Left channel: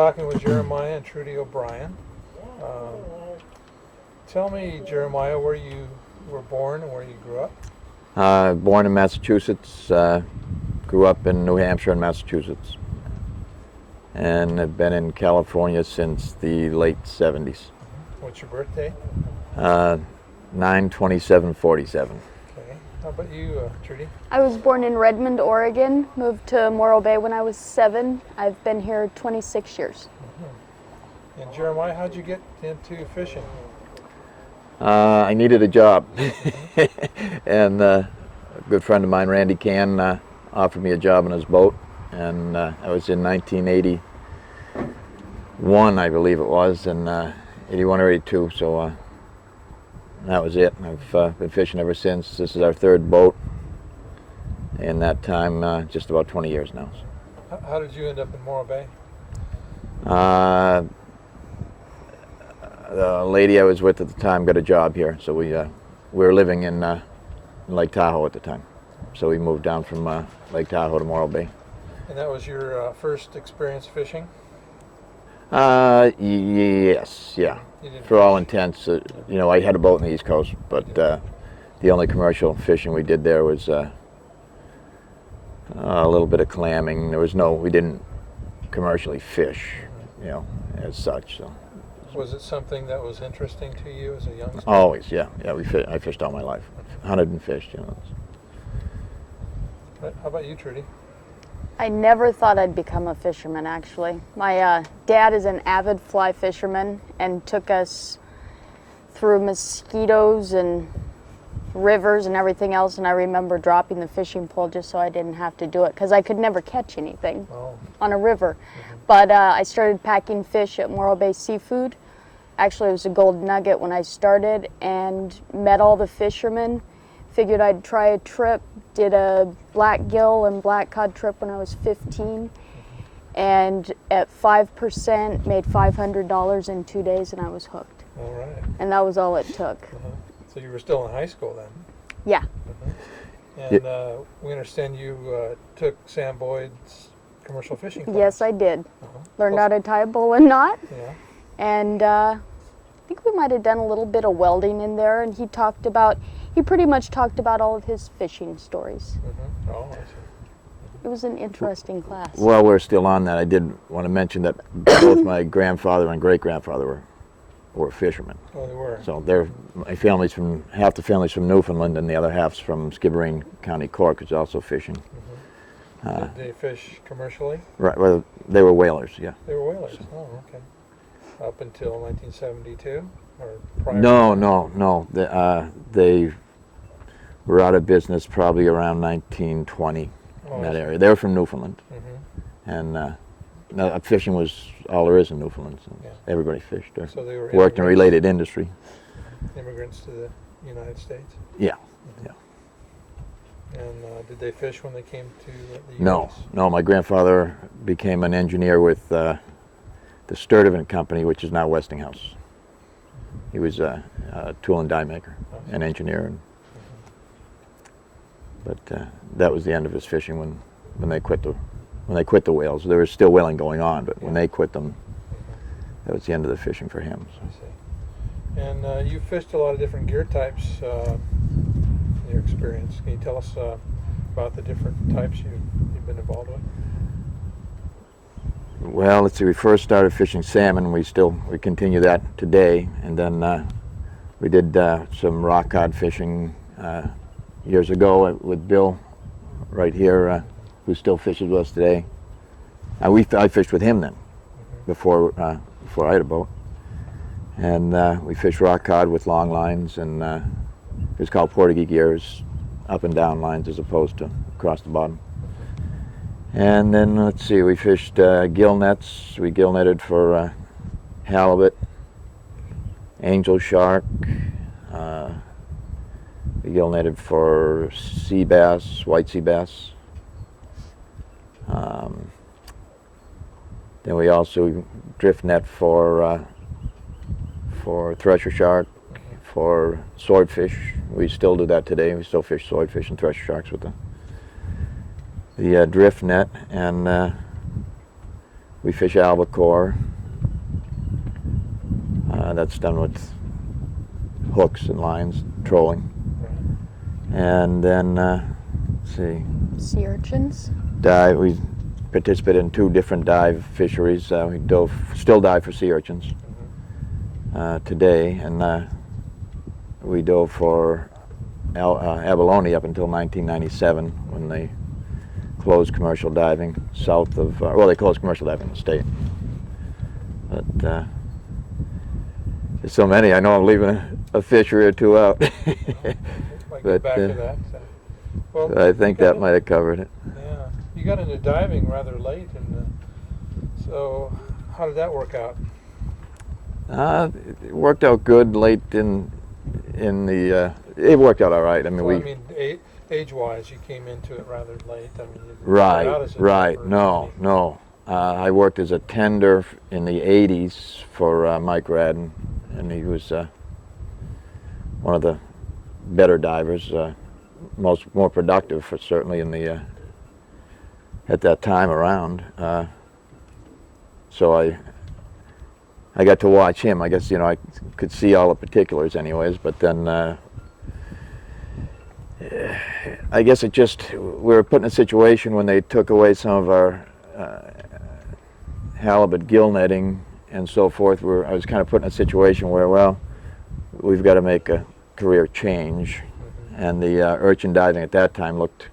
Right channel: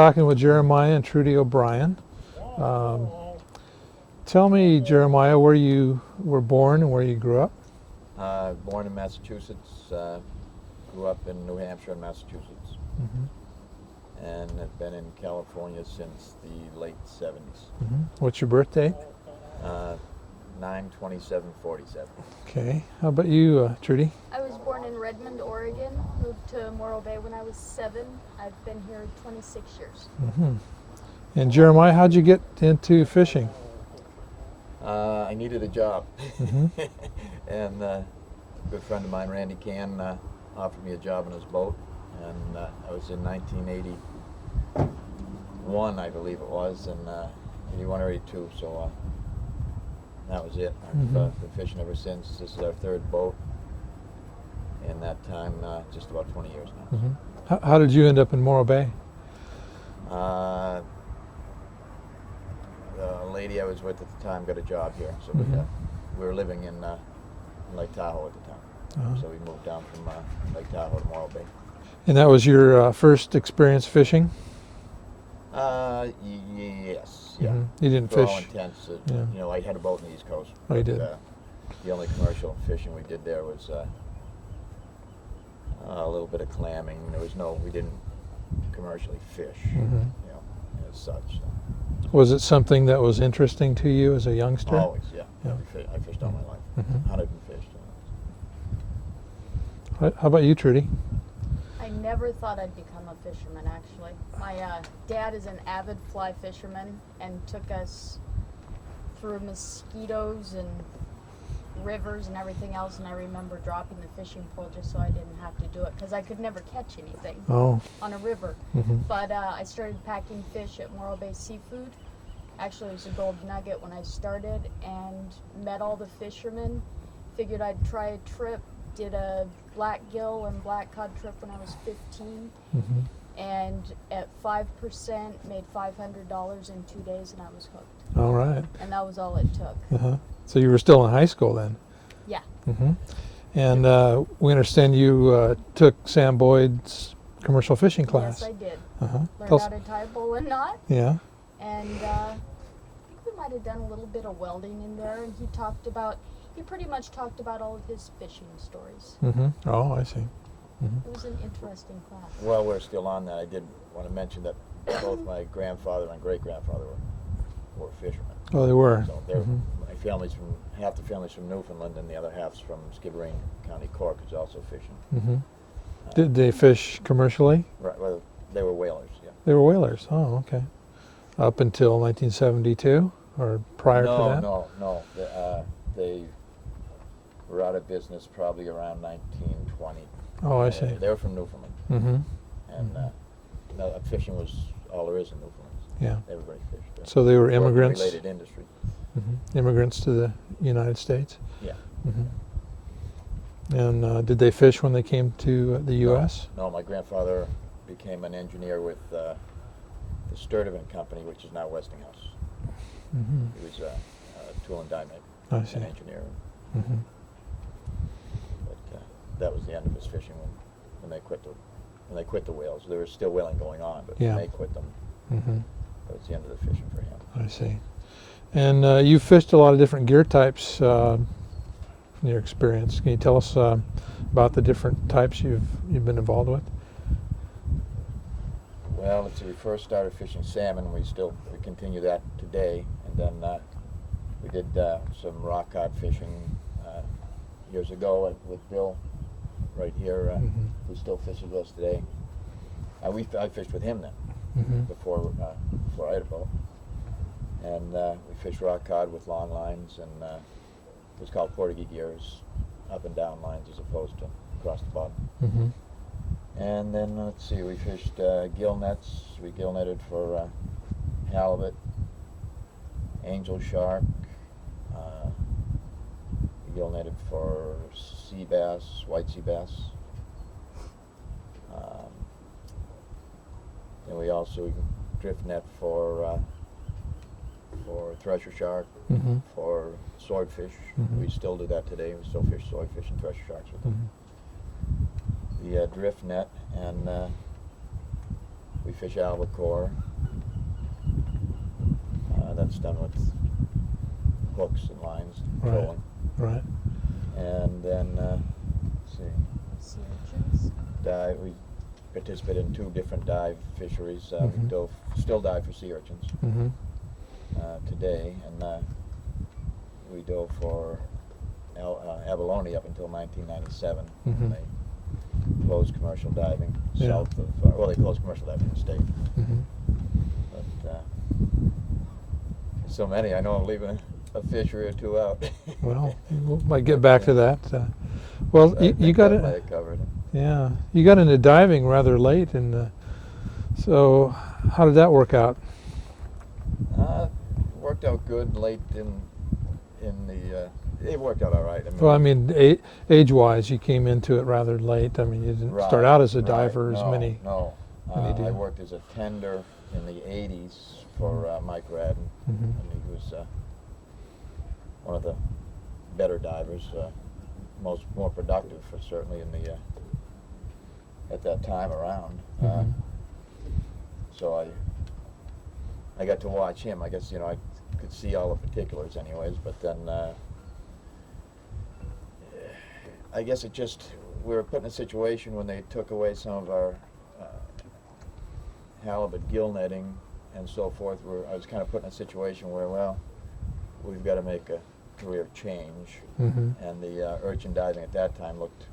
talking with Jeremiah and Trudy O'Brien. Tell me, Jeremiah, where you were born and where you grew up. Born in Massachusetts, grew up in New Hampshire and Massachusetts, and have been in California since the late 70s. What's your birthday? 9/27/47. Okay. How about you, Trudy? I was born in Redmond, Oregon, moved to Morro Bay when I was 7. I've been here 26 years. And Jeremiah, how'd you get into fishing? I needed a job, and a good friend of mine, Randy Can, offered me a job on his boat, and I was in 1981, I believe it was, and 81 or 82, so that was it. I've been fishing ever since. This is our 3rd boat, and that time just about 20 years now. How did you end up in Morro Bay? The lady I was with at the time got a job here, so we were living in Lake Tahoe at the time. So we moved down from Lake Tahoe to Morro Bay. And that was your first experience fishing? Yes, yeah. You didn't For fish? all intents, you know, I had a boat in the East Coast, but did. the only commercial fishing we did there was a little bit of clamming. We didn't commercially fish, you know, as such. So. Was it something that was interesting to you as a youngster? Always, yeah. I fished all my life. Hunted and fished, you know. How about you, Trudy? I never thought I'd become a fisherman, actually. My dad is an avid fly fisherman and took us through mosquitoes and rivers and everything else, and I remember dropping the fishing pole just so I didn't have to do it because I could never catch anything on a river. But I started packing fish at Morro Bay Seafood. Actually, it was a gold nugget when I started, and met all the fishermen. Figured I'd try a trip. Did a black gill and black cod trip when I was 15, and at 5% made $500 in 2 days, and I was hooked. All right. And that was all it took. So you were still in high school then? Yeah. And we understand you took Sam Boyd's commercial fishing class. Yes, I did. Learned how to tie a bowline knot. Yeah. And I think we might have done a little bit of welding in there, and he pretty much talked about all of his fishing stories. Oh, I see. It was an interesting class. While we're still on that, I did want to mention that both my grandfather and great-grandfather were fishermen. Oh, they were. So my family's half the family's from Newfoundland, and the other half's from Skibbereen County, Cork, is also fishing. Did they fish commercially? Right. Well, they were whalers. Yeah. They were whalers. Oh, okay. Up until 1972, or prior? No, to that? no. They were out of business probably around 1920. Oh, I see. Area. They were from Newfoundland, and fishing was all there is in Newfoundland. So Yeah. everybody fished. So they were worked immigrants. in related industry. Immigrants to the United States. Yeah. And did they fish when they came to the U.S.? No. My grandfather became an engineer with the Sturtevant Company, which is now Westinghouse. He was a tool and die maker, an engineer. But that was the end of his fishing when they quit the whales. There was still whaling going on, but when they quit them, that was the end of the fishing for him. So. I see. And you fished a lot of different gear types in your experience. Can you tell us about the different types you've been involved with? Well, let's see. We first started fishing salmon. We continue that today, and then we did some rock cod fishing years ago with Bill, right here, who still fishes with us today. I fished with him then, before I had a boat, and we fished rock cod with long lines, and it's called Portuguese gears, up and down lines as opposed to across the bottom. And then, let's see, we fished gill nets. We gill netted for halibut, angel shark. We gill netted for sea bass, white sea bass. Then we also drift net for thresher shark, for swordfish. We still do that today. We still fish swordfish and thresher sharks with the drift net, and We fish albacore. That's done with hooks and lines, trolling. Right. And then, let's see, Sea urchins. dive. We participated in 2 different dive fisheries. We still dive for sea urchins today, and we dove for abalone up until 1997 when they closed commercial diving south of. Well, they closed commercial diving in the state, but there's so many. I know I'm leaving a fishery or 2 out. Well, we might get But, back to that. Well, I you think got that might have covered it. Yeah, you got into diving rather late, and so how did that work out? It worked out good late in the. It worked out all right. I mean, Well, I mean, age-wise, you came into it rather late. I mean, you didn't start out as a diver. No. I worked as a tender in the 80s for Mike Radden, and he was one of the better divers, more productive, for certainly in the at that time around. So I got to watch him. I guess I could see all the particulars, anyways. But then I guess we were put in a situation when they took away some of our halibut gill netting and so forth. I was kind of put in a situation where, well, we've got to make a career change, and the urchin diving at that time looked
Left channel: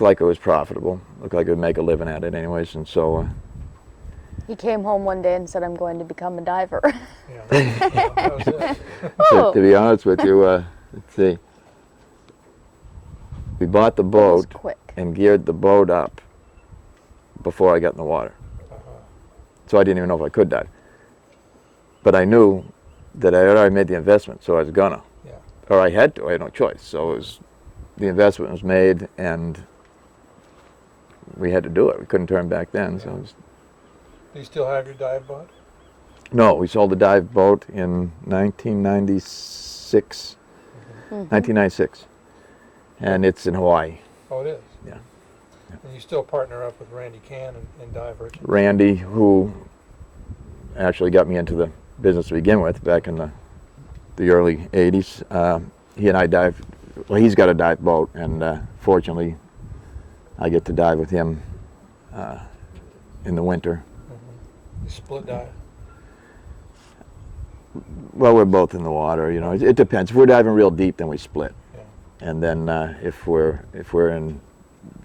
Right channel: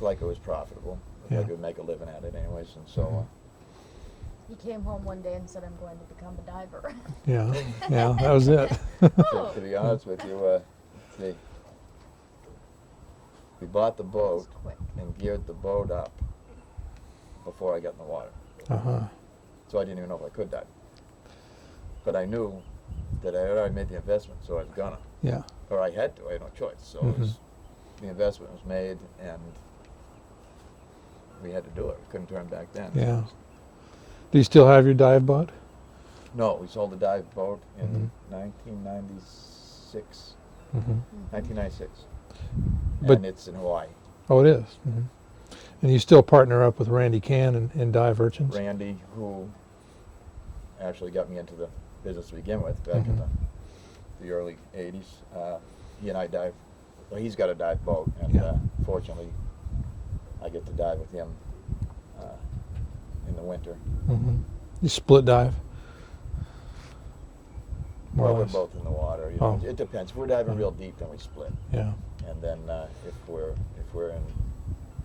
like it was profitable. Looked like it would make a living at it, anyways. And so He came home one day and said, "I'm going to become a diver." Yeah, that was it. to be honest with you, let's see. We bought the That was boat quick. and geared the boat up before I got in the water. So I didn't even know if I could dive. But I knew that I had already made the investment, so I was gonna. Yeah. Or I had to. I had no choice. So the investment was made, and we had to do it. We couldn't turn back then. Yeah. So Do you still have your dive boat? no, we sold the dive boat in 1996. 1996. And it's in Hawaii. Oh, it is. Yeah. And you still partner up with Randy Cann in dive urchins? Randy, who actually got me into the business to begin with back in the early 80s, he and I dive. Well, he's got a dive boat, and fortunately, I get to dive with him in the winter. You split dive? Well, we're both in the water. It depends. If we're diving real deep, then we split. Yeah. And then if we're in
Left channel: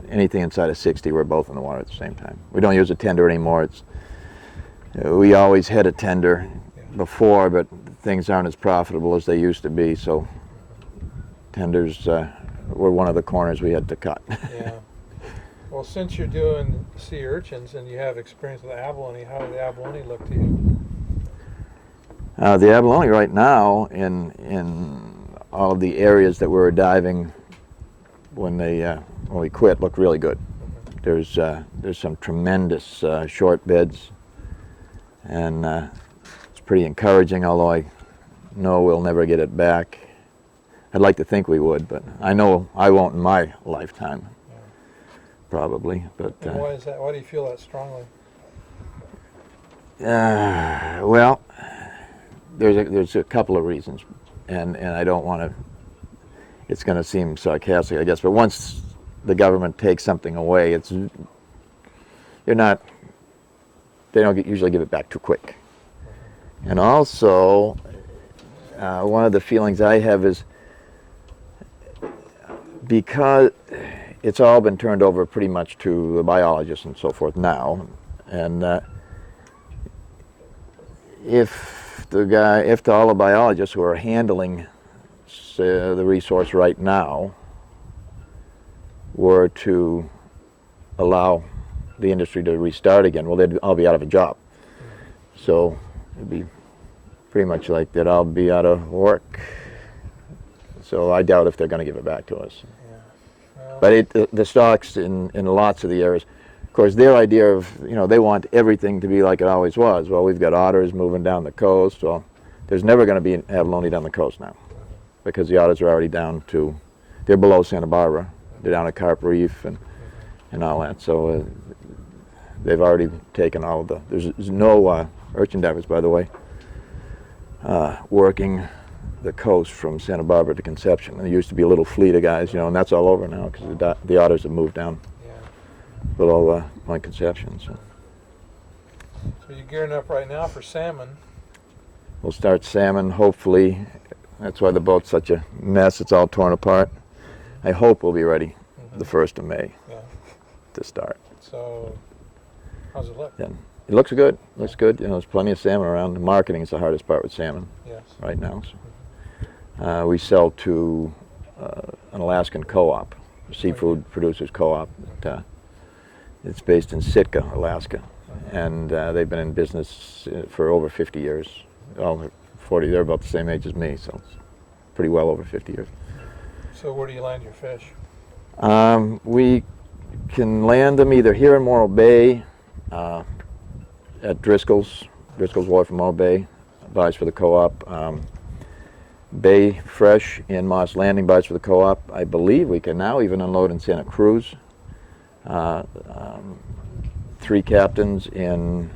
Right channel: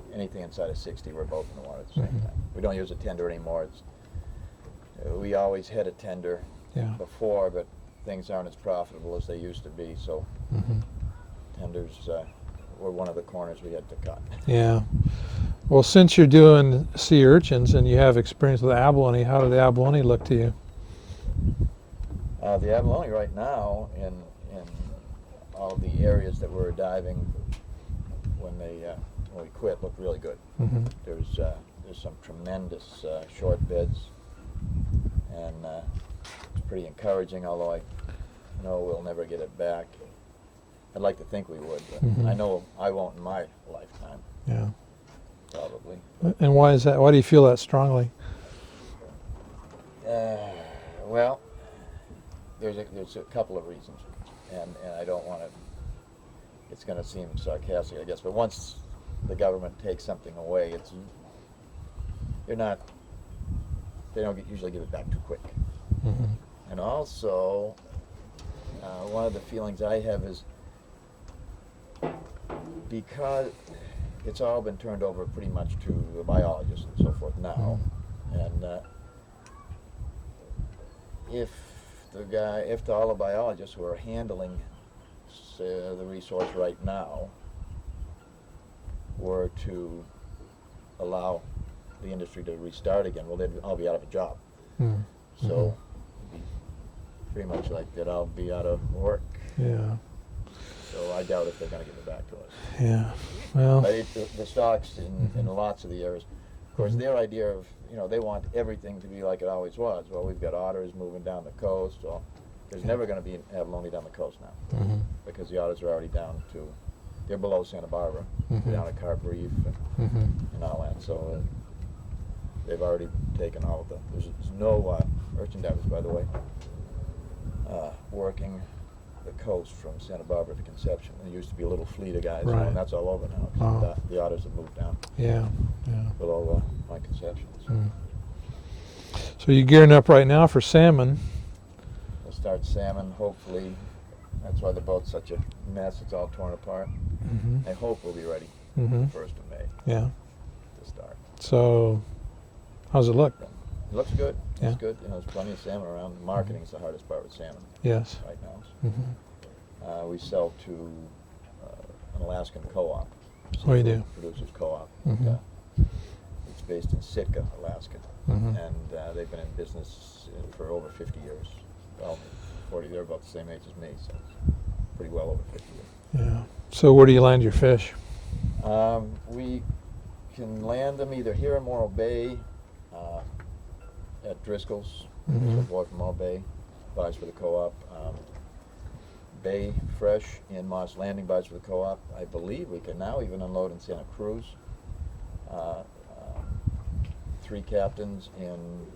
anything inside of 60, we're both in the water at the same time. We don't use a tender anymore. We always had a tender before, but things aren't as profitable as they used to be. So tenders were one of the corners we had to cut. Yeah. Well, since you're doing sea urchins and you have experience with abalone, how did the abalone look to you? The abalone right now in all of the areas that we were diving when we quit look really good. There's some tremendous short beds, and it's pretty encouraging, although I know we'll never get it back. I'd like to think we would, but I know I won't in my lifetime. Yeah. Probably. But, and why is that? Why do you feel that strongly? Well, there's a couple of reasons, and I don't want to. It's going to seem sarcastic, I guess, but once the government takes something away, they don't usually give it back too quick. And also, one of the feelings I have is because it's all been turned over pretty much to the biologists and so forth now, and if all the biologists who are handling the resource right now were to allow the industry to restart again, well, they'd all be out of a job. So it'd be pretty much like they'd all be out of work. Yeah. So I doubt if they're going to give it back to us. Yeah. Well. But the stocks in lots of the areas, of course, their idea of, they want everything to be like it always was. Well, we've got otters moving down the coast. Well, there's never going to be an abalone down the coast now because the otters are already they're below Santa Barbara. They're down at Carp Reef and all that. So they've already taken all of the. There's no urchin divers, by the way, working the coast from Santa Barbara to Conception. There used to be a little fleet of guys, you know, and that's all over now because the otters have moved down Yeah. below Point Conception. So. So you're gearing up right now for salmon. We'll start salmon, hopefully. That's why the boat's such a mess. It's all torn apart. I hope we'll be ready the 1st of May Yeah. to start. So how's it look? And it looks good. Looks Yeah. good. You know, there's plenty of salmon around. The marketing is the hardest part with salmon Yes. right now. So. We sell to an Alaskan co-op, seafood producers co-op. It's based in Sitka, Alaska, and they've been in business for over 50 years. Oh, 40. They're about the same age as me, so it's pretty well over 50 years. Yeah. So where do you land your fish? We can land them either here in Morro Bay, at Driscoll's Wharf in Morro Bay, buys for the co-op. Bay Fresh in Moss Landing buys for the co-op. I believe we can now even unload in Santa Cruz. 3 captains in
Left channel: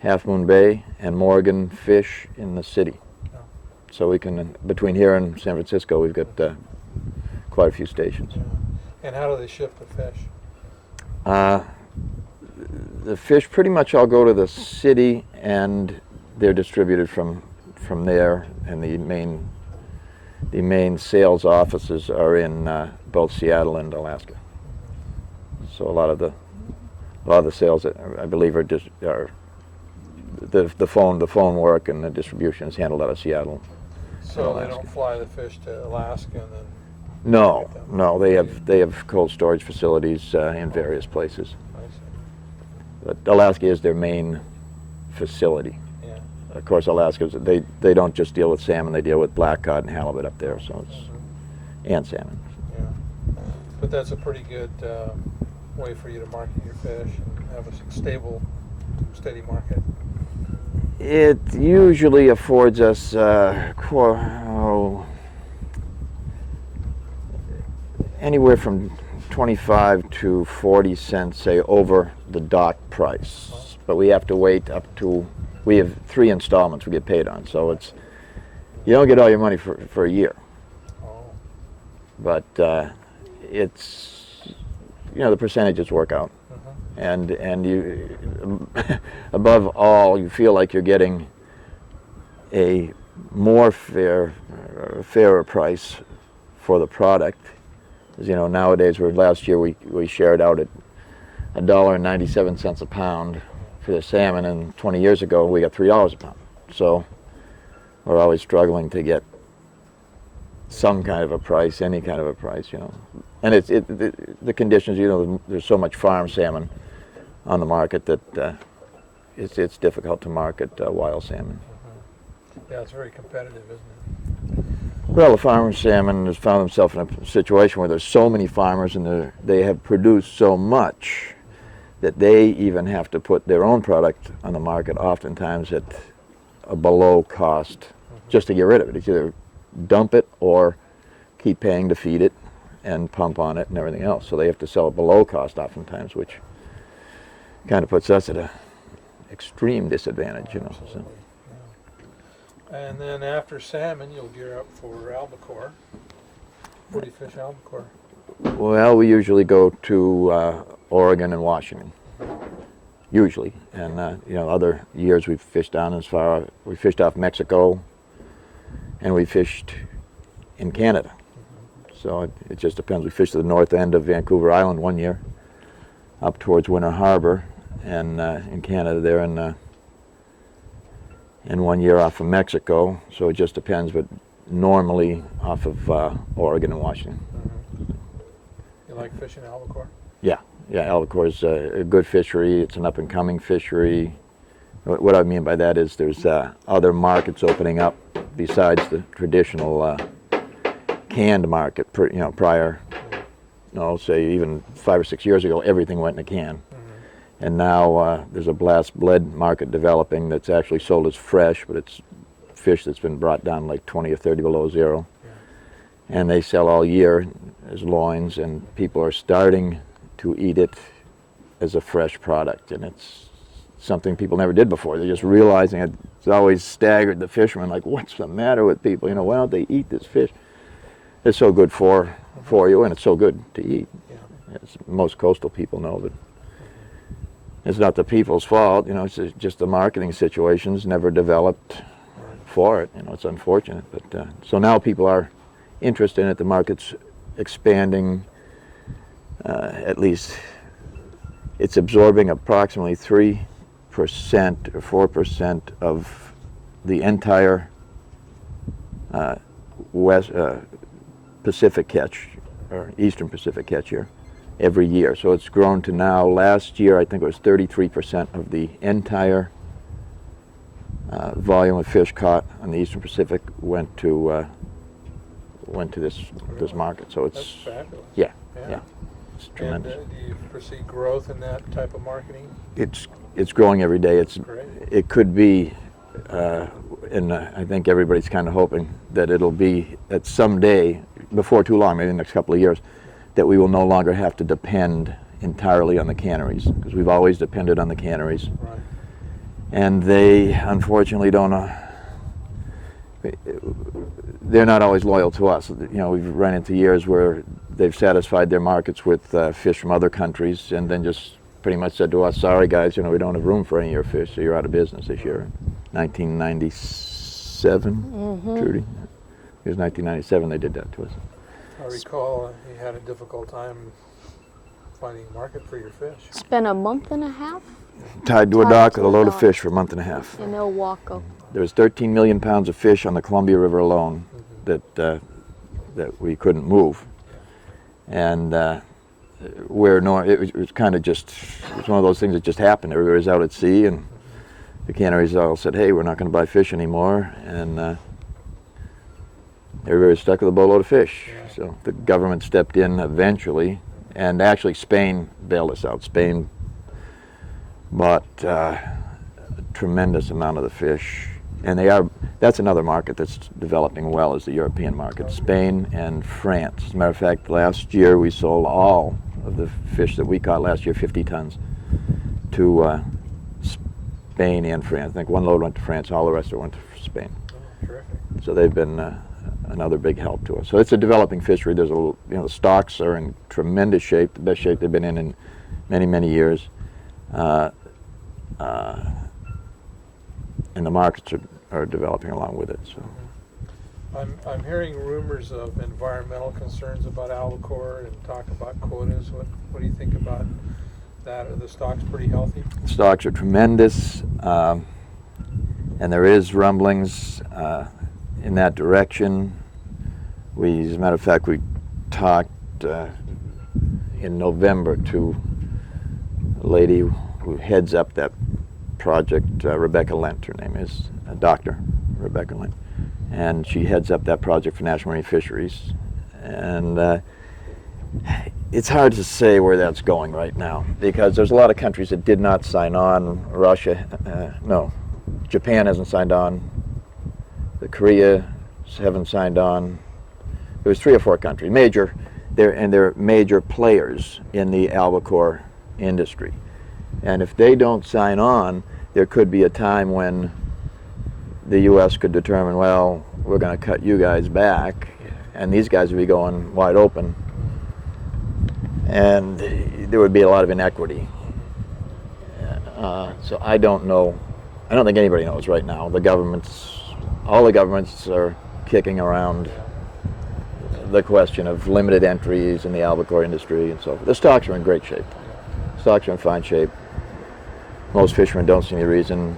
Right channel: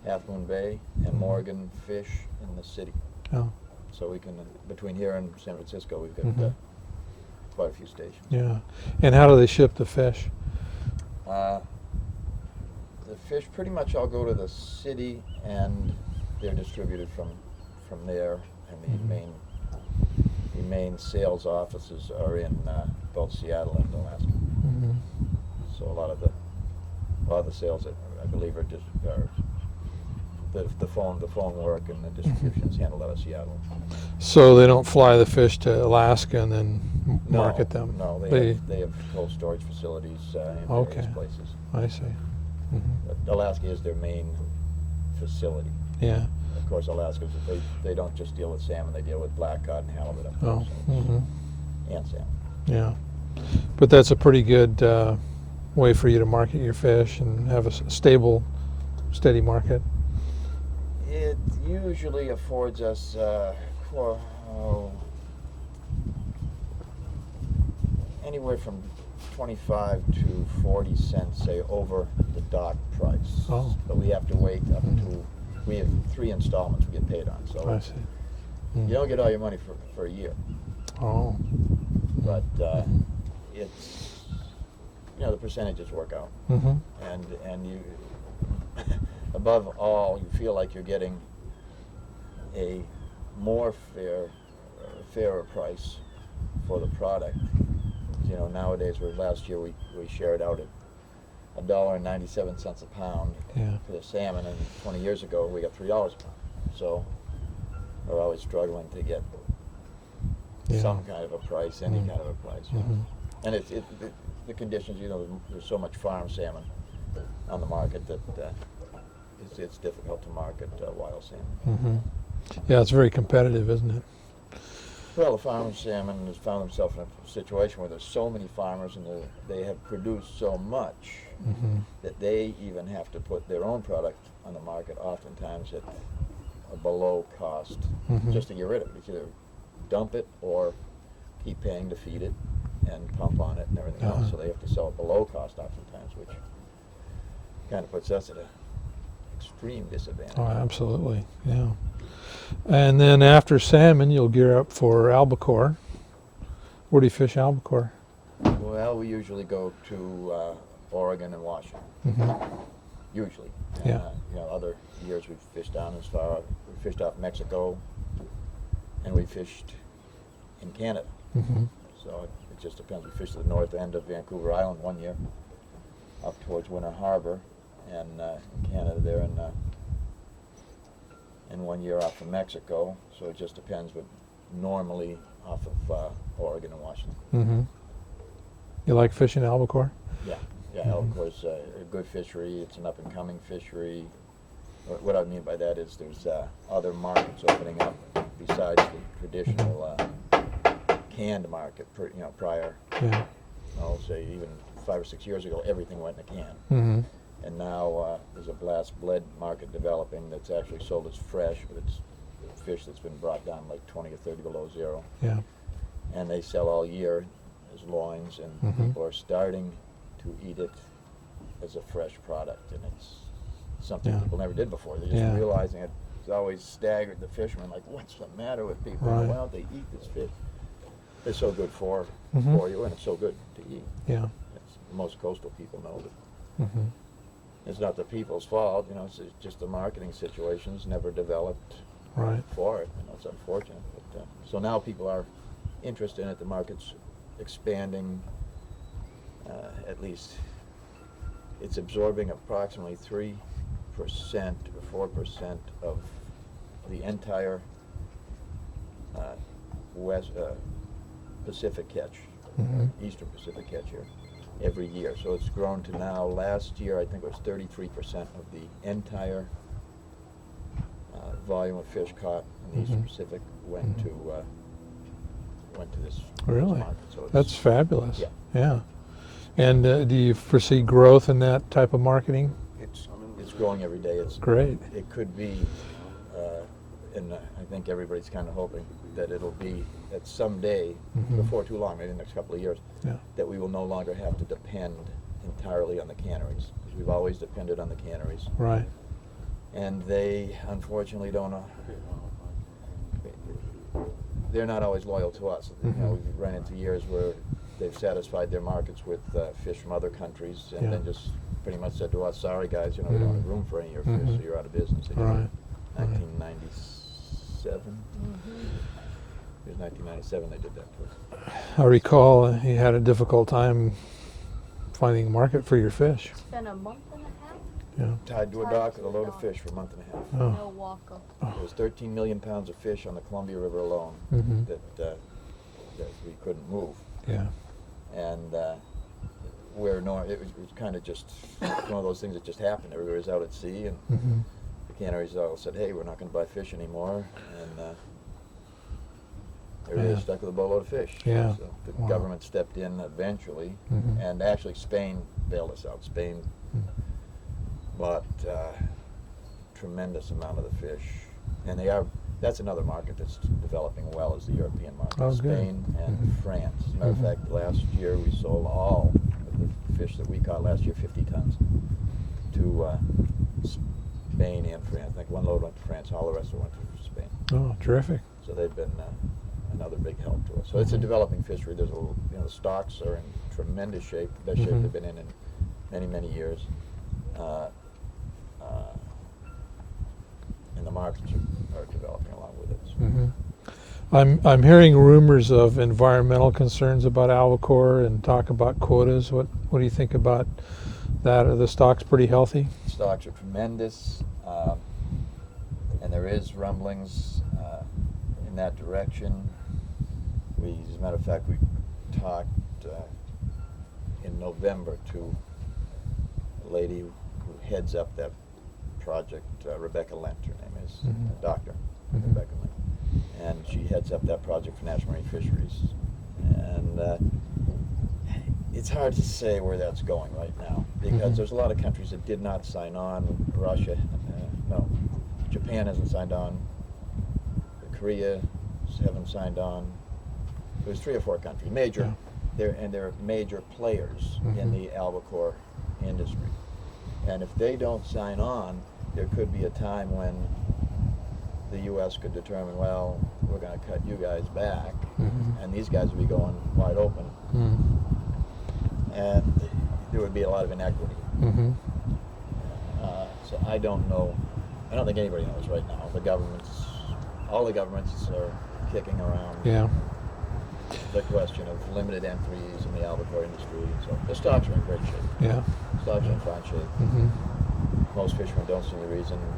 Half Moon Bay and Morgan Fish in the city. Oh. So we can, between here and San Francisco, we've got quite a few stations. Yeah. And how do they ship the fish? The fish pretty much all go to the city, and they're distributed from there. And the main sales offices are in both Seattle and Alaska. So a lot of the sales, I believe, are the phone work and the distribution is handled out of Seattle. So they don't fly the fish to Alaska and then market them? No, they have cold storage facilities in various places. I see. But Alaska is their main facility. Yeah. Of course, Alaska's they don't just deal with salmon; they deal with black cod and halibut up there, so it's, and salmon. Yeah. But that's a pretty good way for you to market your fish and have a stable, steady market. It usually affords us anywhere from 25 to 40 cents, say, over the dock price. Oh. But we have to wait up to, we have 3 installments we get paid on, so it's you don't get all your money for a year. Oh. But it's, you know, the percentages work out. And you, above all, you feel like you're getting a more fairer price for the product. As you know, nowadays, last year we shared out at $1.97 a pound for the salmon, and 20 years ago we got $3 a pound. So we're always struggling to get some kind of a price, any kind of a price, you know. And the conditions, you know, there's so much farm salmon on the market that it's difficult to market wild salmon. Yeah, it's very competitive, isn't it? Well, the farmer salmon has found themselves in a situation where there's so many farmers and they have produced so much that they even have to put their own product on the market, oftentimes at a below cost, just to get rid of it. It's either dump it or keep paying to feed it and pump on it and everything else. So they have to sell it below cost oftentimes, which kind of puts us at an extreme disadvantage. Oh, you know, absolutely, yeah. And then after salmon, you'll gear up for albacore. Where do you fish albacore? Well, we usually go to Oregon and Washington. Usually, and you know, other years we've fished down as far. We fished off Mexico, and we fished in Canada. So it just depends. We fished to the north end of Vancouver Island one year, up towards Winter Harbor, and in Canada there, and 1 year off of Mexico. So it just depends, but normally off of Oregon and Washington. You like fishing albacore? Yeah, albacore is a good fishery. It's an up-and-coming fishery. What I mean by that is there's other markets opening up besides the traditional canned market. You know, prior, say even 5 or 6 years ago, everything went in a can. And now there's a blast bled market developing that's actually sold as fresh, but it's fish that's been brought down like 20 or 30 below zero. And they sell all year as loins, and people are starting to eat it as a fresh product, and it's something Yeah. people never did before. They're just Yeah. realizing it. It's always staggered the fishermen, like, what's the matter with people? You know, Right. why don't they eat this fish? It's so good for you, and it's so good to eat. Yeah. As most coastal people know, but Mhm. it's not the people's fault. You know, it's just the marketing situations never developed Right. for it. You know, it's unfortunate, but so now people are interested in it. The market's expanding. At least it's absorbing approximately 3% or 4% of the entire West Pacific catch, or Eastern Pacific catch here, every year. So it's grown to now. Last year, I think it was 33% of the entire volume of fish caught on the Eastern Pacific went to this Really? market. So it's That's fabulous. Yeah. Yeah. it's And tremendous. do you foresee growth in that type of marketing? It's growing every day. It's Great. It could be, and I think everybody's kind of hoping that it'll be at some day, before too long, maybe the next couple of years, Yeah. that we will no longer have to depend entirely on the canneries, because we've always depended on the canneries, Right. and they unfortunately don't. They're not always loyal to us. You know, we've run into years where they've satisfied their markets with fish from other countries, and then just pretty much said to us, "Sorry guys, you know, we don't have room for any of your fish, so you're out of business this year." Right. 1997, Trudy. It was 1997 they did that to us. I recall you had a difficult time finding a market for your fish. It's been a month and a half Tied to a Tied dock to with a a load of dock. fish for a month and a half. in Ilwaco. There was 13 million pounds of fish on the Columbia River alone that we couldn't move. Yeah. And it was kind of just, it was one of those things that just happened. Everybody was out at sea, and the canneries all said, "Hey, we're not going to buy fish anymore," and everybody was stuck with a boatload of fish. Yeah. So the government stepped in eventually, and actually Spain bailed us out. Spain bought a tremendous amount of the fish, and that's another market that's developing well, is the European market. Oh, good. Spain and France. As a matter of fact, last year we sold all of the fish that we caught last year, 50 tons, to Spain and France. I think one load went to France, all the rest of it went to Spain. Oh, terrific. So they've been another big help to us. So it's a developing fishery. There's the stocks are in tremendous shape, the best shape they've been in many, many years. And the markets are developing along with it. So. I'm hearing rumors of environmental concerns about albacore and talk about quotas. What do you think about that? Are the stocks pretty healthy? Stocks are tremendous, and there is rumblings in that direction. As a matter of fact, we talked in November to a lady who heads up that project, Rebecca Lent, her name is, a doctor, Rebecca Lent, and she heads up that project for National Marine Fisheries. And it's hard to say where that's going right now, because there's a lot of countries that did not sign on. Russia, no, Japan hasn't signed on. The Korea haven't signed on. There was 3 or 4 countries, they're major players in the albacore industry. And if they don't sign on, there could be a time when the U.S. could determine, well, we're going to cut you guys back, and these guys would be going wide open, and there would be a lot of inequity. So I don't know. I don't think anybody knows right now. All the governments are kicking around the question of limited entries in the albacore industry, and so the stocks are in great shape. Yeah. Stocks are in fine shape. Most fishermen don't see any reason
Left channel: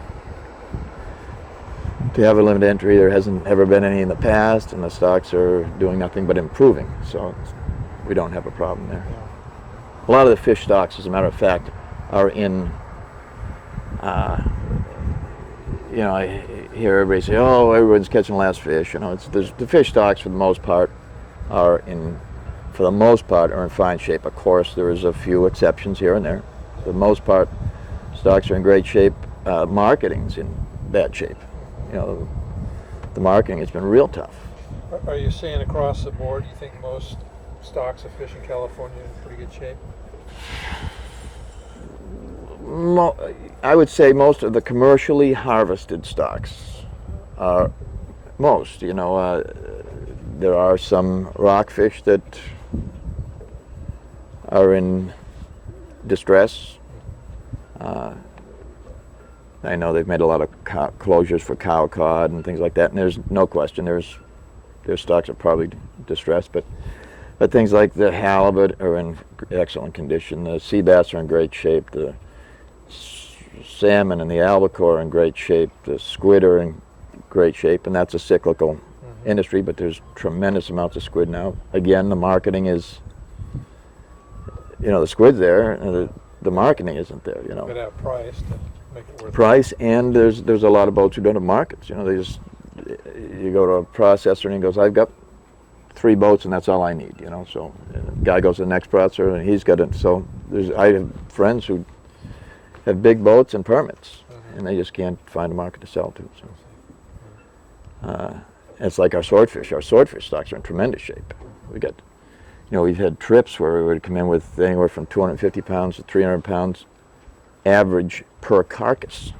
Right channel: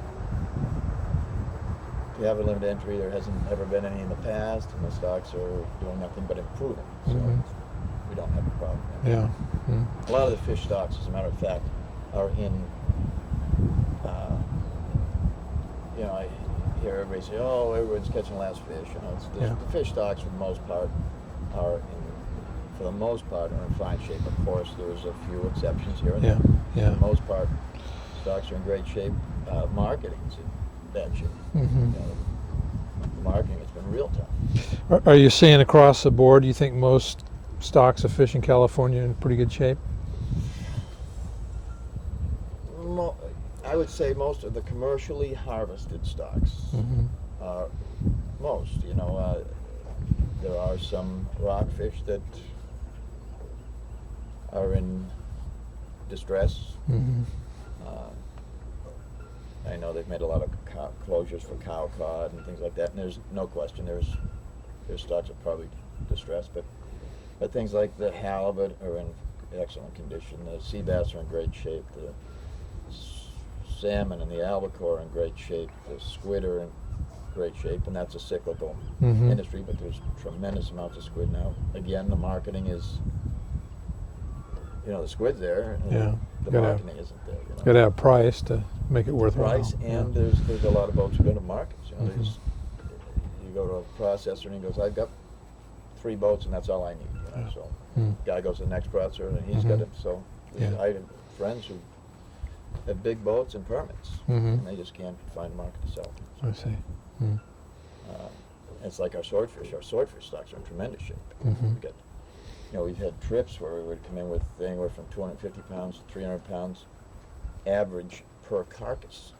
to have a limited entry. There hasn't ever been any in the past, and the stocks are doing nothing but improving. So we don't have a problem there. Yeah. A lot of the fish stocks, as a matter of fact, are in, I hear everybody say, "Oh, everyone's catching the last fish." The fish stocks, for the most part, are in fine shape. Of course, there is a few exceptions here and there. Yeah. For the most part, stocks are in great shape. Marketing's in bad shape. The marketing has been real tough. Are you saying across the board, you think most stocks of fish in California are in pretty good shape? I would say most of the commercially harvested stocks are most. There are some rockfish that are in distress. I know they've made a lot of closures for cow cod and things like that, and there's no question their stocks are probably distressed, but things like the halibut are in excellent condition. The sea bass are in great shape. The salmon and the albacore are in great shape. The squid are in great shape, and that's a cyclical industry, but there's tremendous amounts of squid now. Again, the marketing is, the squid's there, and the marketing isn't there. Got to have price to make it worth price, and there's a lot of boats who go to markets. You go to a processor and he goes, I've got 3 boats and that's all I need. So guy goes to the next processor and he's got it. So I have friends who have big boats and permits, and they just can't find a market to sell to. So. I see. It's like our swordfish. Our swordfish stocks are in tremendous shape. We've had trips where we would come in with anywhere from 250 pounds to 300 pounds average per carcass.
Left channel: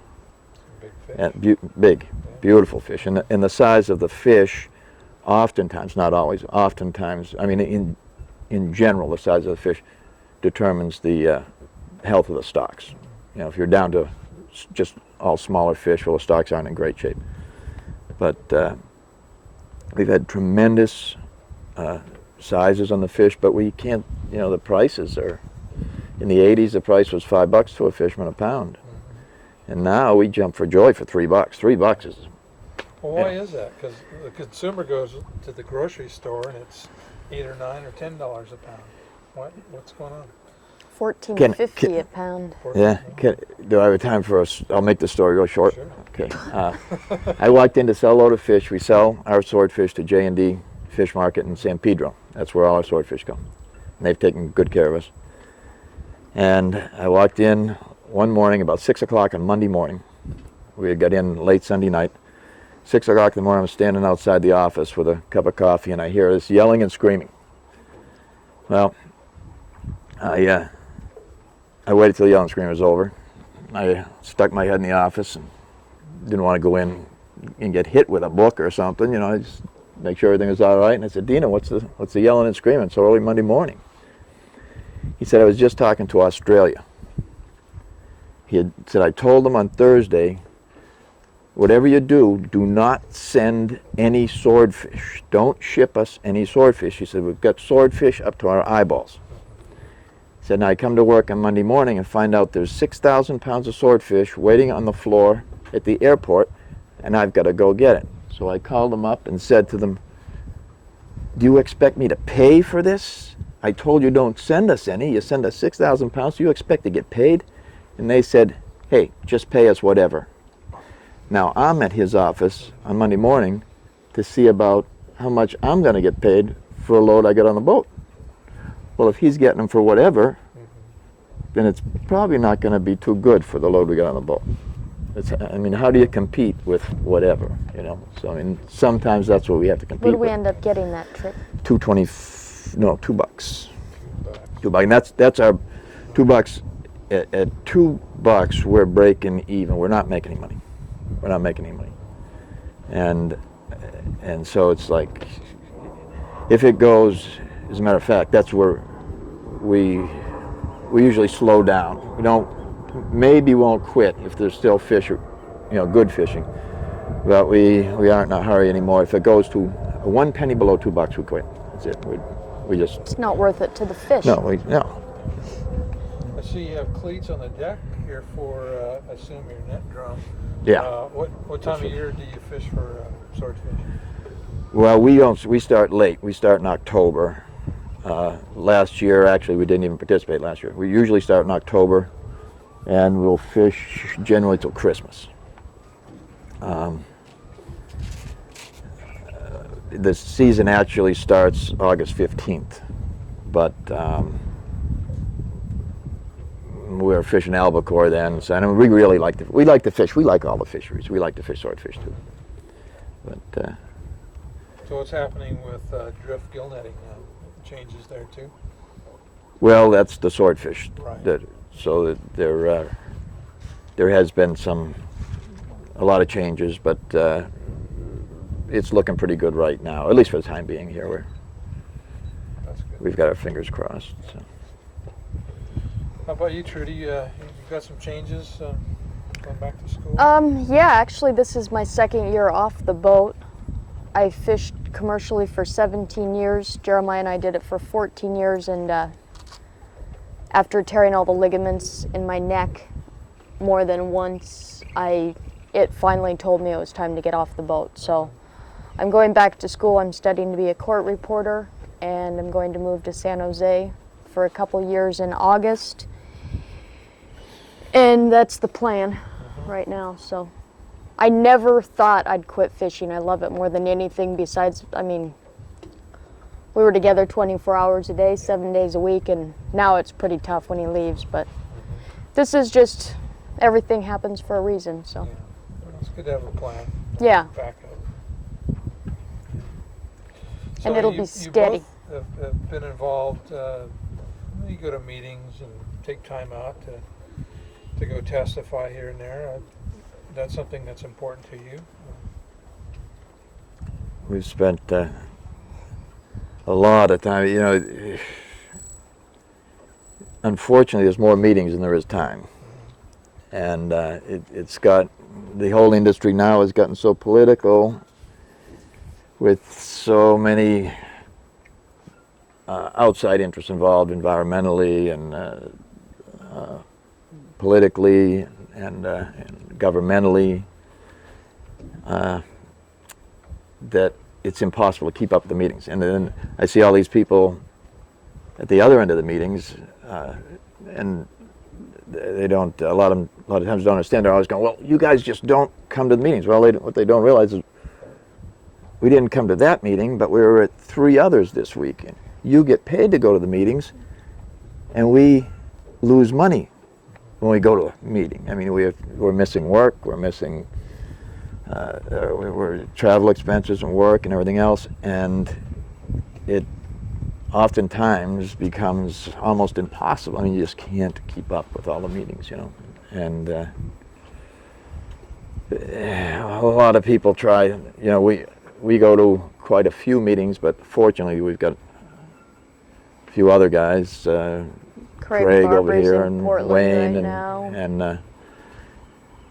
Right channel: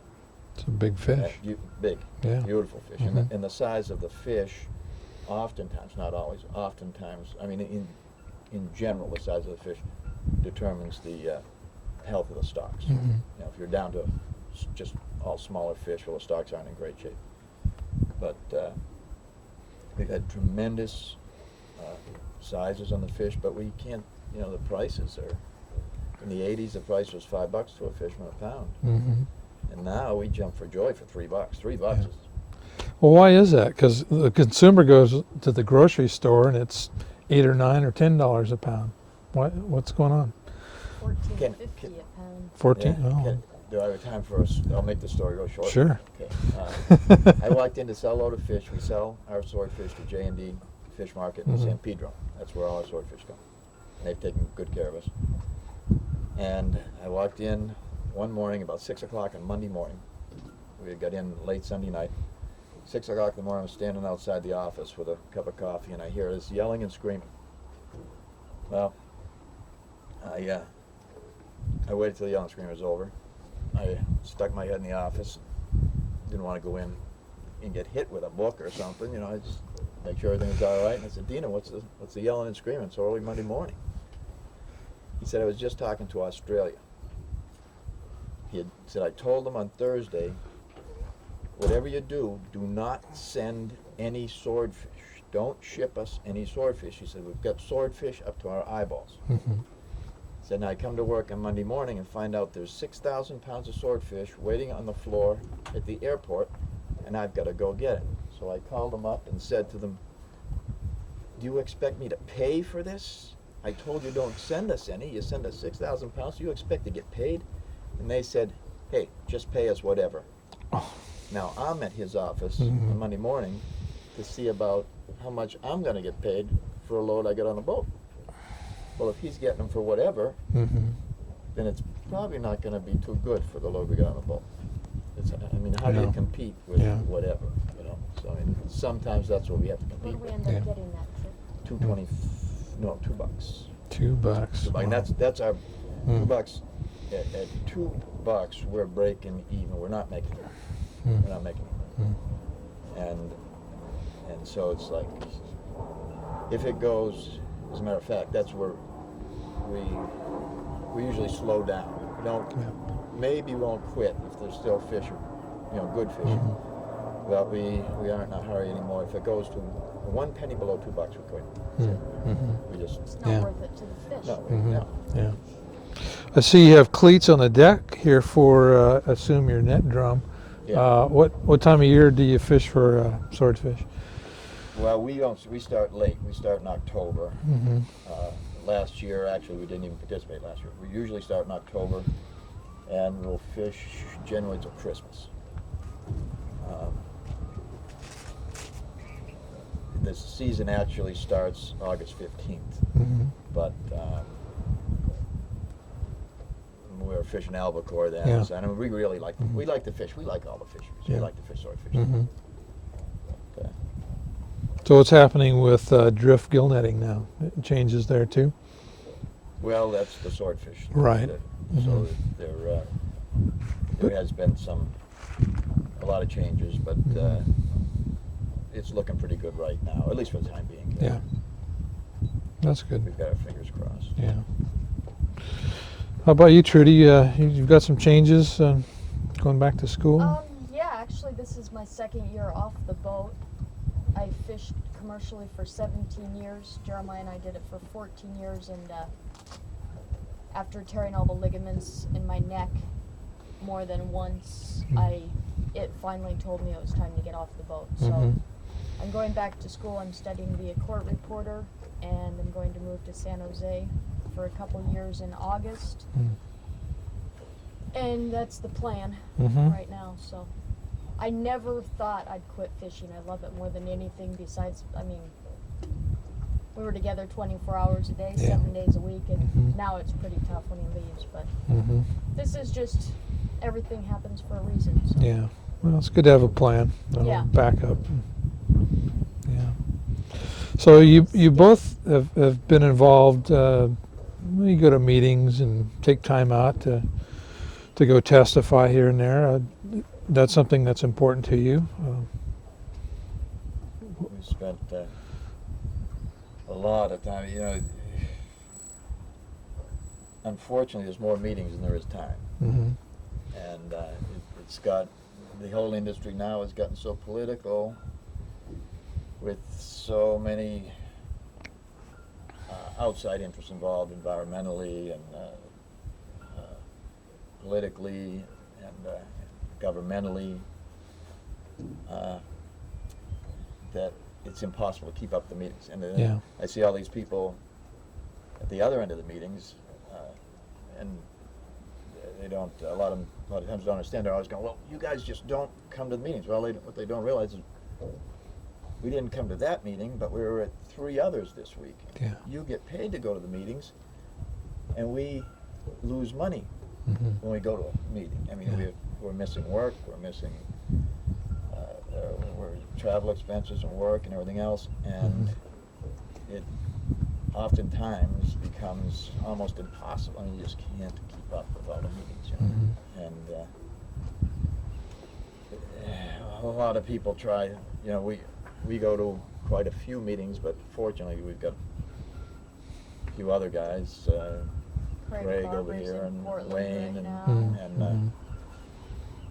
It's a big fish. Big, beautiful fish. And the size of the fish, oftentimes, not always, oftentimes, I mean, in general, the size of the fish determines the health of the stocks. If you're down to just all smaller fish, well, the stocks aren't in great shape. But we've had tremendous sizes on the fish, but we can't, the prices are, in the 80s, the price was $5 to a fisherman a pound. And now we jump for joy for $3. $3 is... Well, why is that? Because the consumer goes to the grocery store and it's $8 or $9 or $10 a pound. What's going on? $14.50 a pound. 14. Yeah. Do I have time for us? I'll make the story go short. Sure. Okay. I walked in to sell a load of fish. We sell our swordfish to J&D Fish Market in San Pedro. That's where all our swordfish go. And they've taken good care of us. And I walked in one morning about 6 o'clock on Monday morning. We had got in late Sunday night. 6 o'clock in the morning, I'm standing outside the office with a cup of coffee, and I hear this yelling and screaming. Well, I waited till the yelling and screaming was over. I stuck my head in the office and didn't want to go in and get hit with a book or something. I just make sure everything was all right. And I said, Dina, what's the yelling and screaming so early Monday morning? He said, I was just talking to Australia. He had said, I told them on Thursday, whatever you do, do not send any swordfish. Don't ship us any swordfish. He said, we've got swordfish up to our eyeballs. He said, now I come to work on Monday morning and find out there's 6,000 pounds of swordfish waiting on the floor at the airport, and I've got to go get it. So I called them up and said to them, do you expect me to pay for this? I told you don't send us any. You send us 6,000 pounds. Do you expect to get paid? And they said, hey, just pay us whatever. Now, I'm at his office on Monday morning to see about how much I'm going to get paid for a load I got on the boat. Well, if he's getting them for whatever, then it's probably not going to be too good for the load we got on the boat. How do you compete with whatever, So, sometimes that's what we have to compete What did we with. end up getting that trip? $2. $2. $2. And that's our $2. At $2, we're breaking even. We're not making any money. We're not making any money. And so it's like, if it goes, as a matter of fact, that's where we usually slow down. Maybe won't quit if there's still fish, good fishing. But we aren't in a hurry anymore. If it goes to 1 penny below $2, we quit. That's it. We just. It's not worth it to the fish. No. Yeah. I see you have cleats on the deck here for, assume your net drum. Yeah. What time of year do you fish for swordfish? Well, we start late. We start in October. Last year, actually, we didn't even participate last year. We usually start in October, and we'll fish generally till Christmas. The season actually starts August 15th, but we're fishing albacore then. Yeah. So, and we really like to fish. We like all the fisheries. We like to fish swordfish too. But so what's happening with drift gill netting now? It changes there too? well, that's the swordfish. Right. So that they're there has been a lot of changes, but it's looking pretty good right now, at least for the time being here. Yeah. That's good. We've got our fingers crossed. Yeah. How about you, Trudy? You've got some changes going back to school? Yeah, actually this is my second year off the boat. I fished commercially for 17 years. Jeremiah and I did it for 14 years, and after tearing all the ligaments in my neck more than once, it finally told me it was time to get off the boat. So I'm going back to school. I'm studying to be a court reporter, and I'm going to move to San Jose for a couple years in August. And that's the plan right now. So I never thought I'd quit fishing. I love it more than anything besides, I mean, we were together 24 hours a day, 7 days a week, and now it's pretty tough when he leaves, but this is just, everything happens for a reason, so. Yeah. Well, it's good to have a plan. Yeah. Backup. Yeah. So it'll you be steady. both have been involved. You go to meetings and take time out to go testify here and there. That's something that's important to you. We've spent a lot of time, you know, unfortunately there's more meetings than there is time. And it's got, the whole industry now has gotten so political with so many outside interests involved environmentally and politically and governmentally, that it's impossible to keep up with the meetings. And then I see all these people at the other end of the meetings, and they don't, a lot of times don't understand. They're always going, well, you guys just don't come to the meetings. Well, what they don't realize is we didn't come to that meeting, but we were at 3 others this week. And you get paid to go to the meetings, and we lose money when we go to a meeting. I mean, we're missing work, we're missing we're travel expenses and work and everything else, and it oftentimes becomes almost impossible. I mean, you just can't keep up with all the meetings, you know. And a lot of people try, you know, we go to quite a few meetings, but fortunately we've got a few other guys, Craig over Barber's here in and Portland Wayne right now.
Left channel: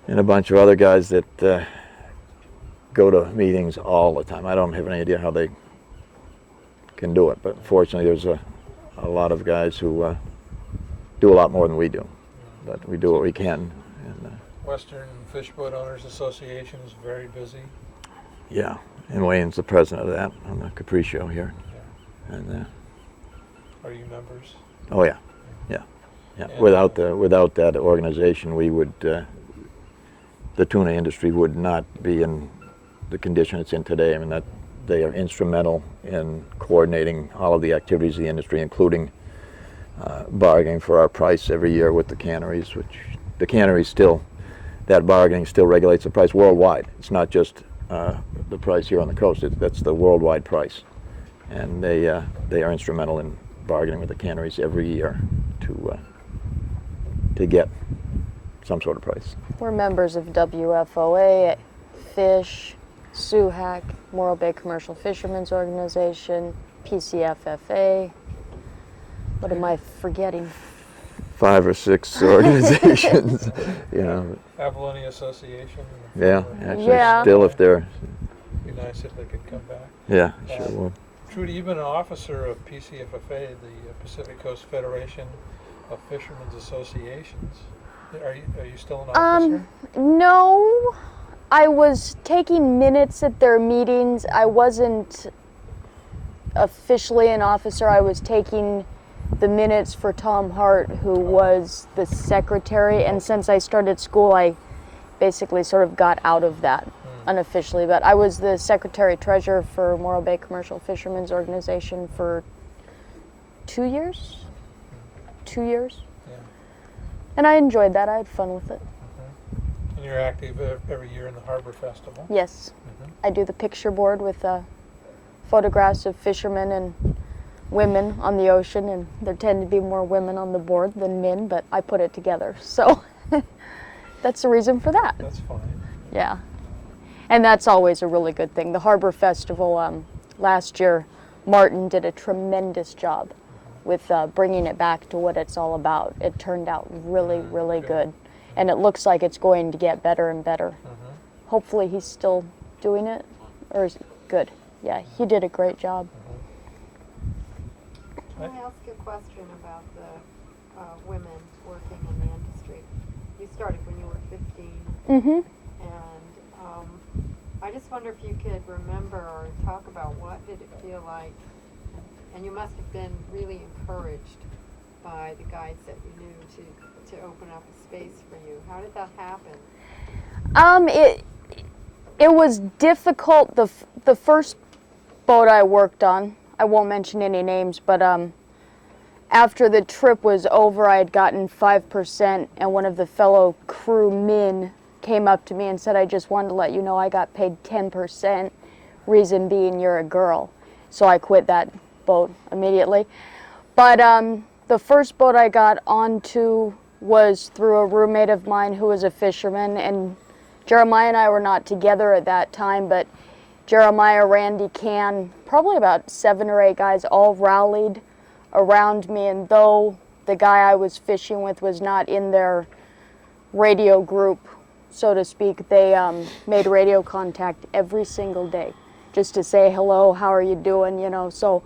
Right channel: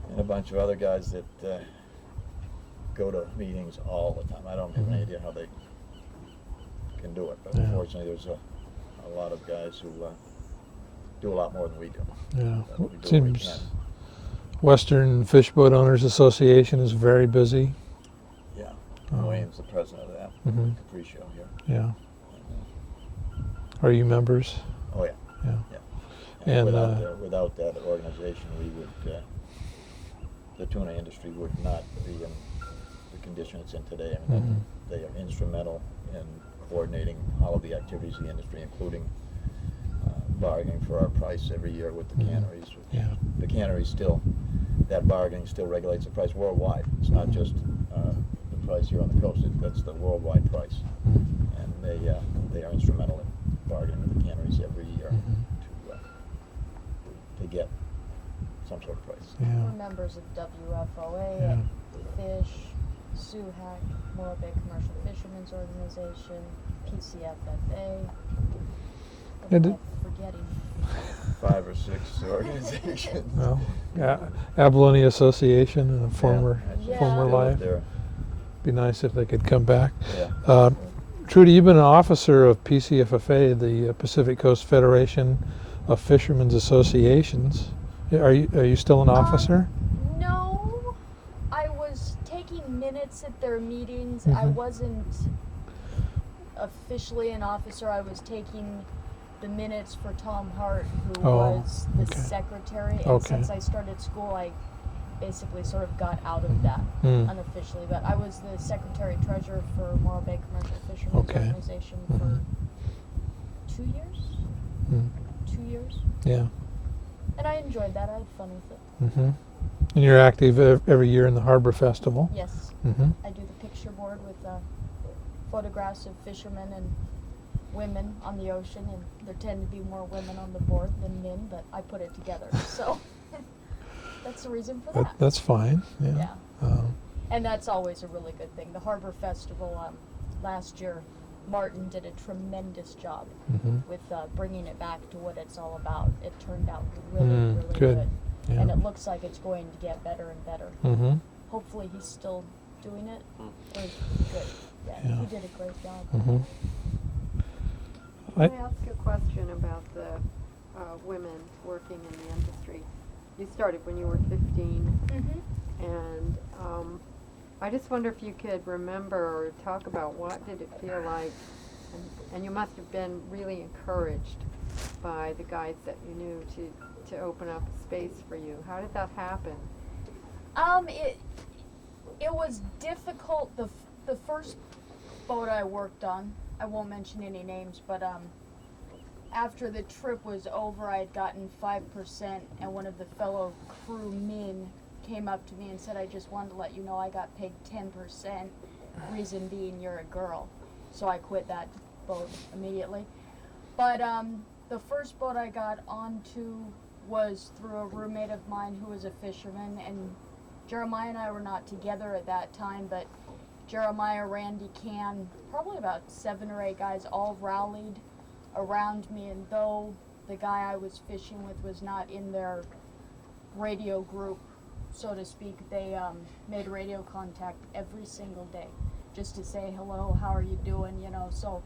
And a bunch of other guys that go to meetings all the time. I don't have any idea how they can do it, but fortunately there's a lot of guys who do a lot more than we do. But we do what we can. Western Fish Boat Owners Association is very busy. Yeah, and Wayne's the president of that, the Capriccio here. Yeah. And Are you members? oh yeah. And, without that organization, we would the tuna industry would not be in the condition it's in today. I mean, that they are instrumental in coordinating all of the activities of the industry, including bargaining for our price every year with the canneries, which the canneries still, that bargaining still regulates the price worldwide. It's not just the price here on the coast, that's the worldwide price. And they are instrumental in bargaining with the canneries every year to get some sort of price. We're members of WFOA, FISH, SUHAC, Morro Bay Commercial Fishermen's Organization, PCFFA. What am I forgetting? 5 or 6 organizations. Abalone Association. And a Yeah, former actually, still if they're. Be nice if they could come back. Yeah. Trudy, you've been an officer of PCFFA, the Pacific Coast Federation of Fishermen's Associations. Are you still an officer? No, I was taking minutes at their meetings. I wasn't officially an officer. I was taking the minutes for Tom Hart, who was the secretary. And since I started school, I basically sort of got out of that unofficially. But I was the secretary-treasurer for Morro Bay Commercial Fishermen's Organization for 2 years. 2 years. Yeah. And I enjoyed that. I had fun with it. And you're active every year in the Harbor Festival. Yes. I do the picture board with photographs of fishermen and women on the ocean, and there tend to be more women on the board than men, but I put it together. So that's the reason for that. That's fine. Yeah. Um, And that's always a really good thing. The Harbor Festival last year, Martin did a tremendous job with bringing it back to what it's all about. It turned out really, really good. good. Yeah. And it looks like it's going to get better and better. Mm-hmm. Hopefully he's still doing it. Or is good. Yeah, he did a great job. Mm-hmm. Let me ask you a question about the women working in the industry. You started when you were 15, Mm-hmm. and I just wonder if you could remember or talk about what did it feel like, and you must have been really encouraged by the guys that you knew to open up a space for you. How did that happen? It was difficult. The first boat I worked on, I won't mention any names, but after the trip was over, I had gotten 5%, and one of the fellow crewmen came up to me and said, "I just wanted to let you know I got paid 10%, reason being you're a girl." So I quit that boat immediately. But the first boat I got onto was through a roommate of mine who was a fisherman, and Jeremiah and I were not together at that time, but Jeremiah, Randy, Can, probably about 7 or 8 guys all rallied around me, and though the guy I was fishing with was not in their radio group, so to speak, they made radio contact every single day just to say hello, how are you doing, you know. So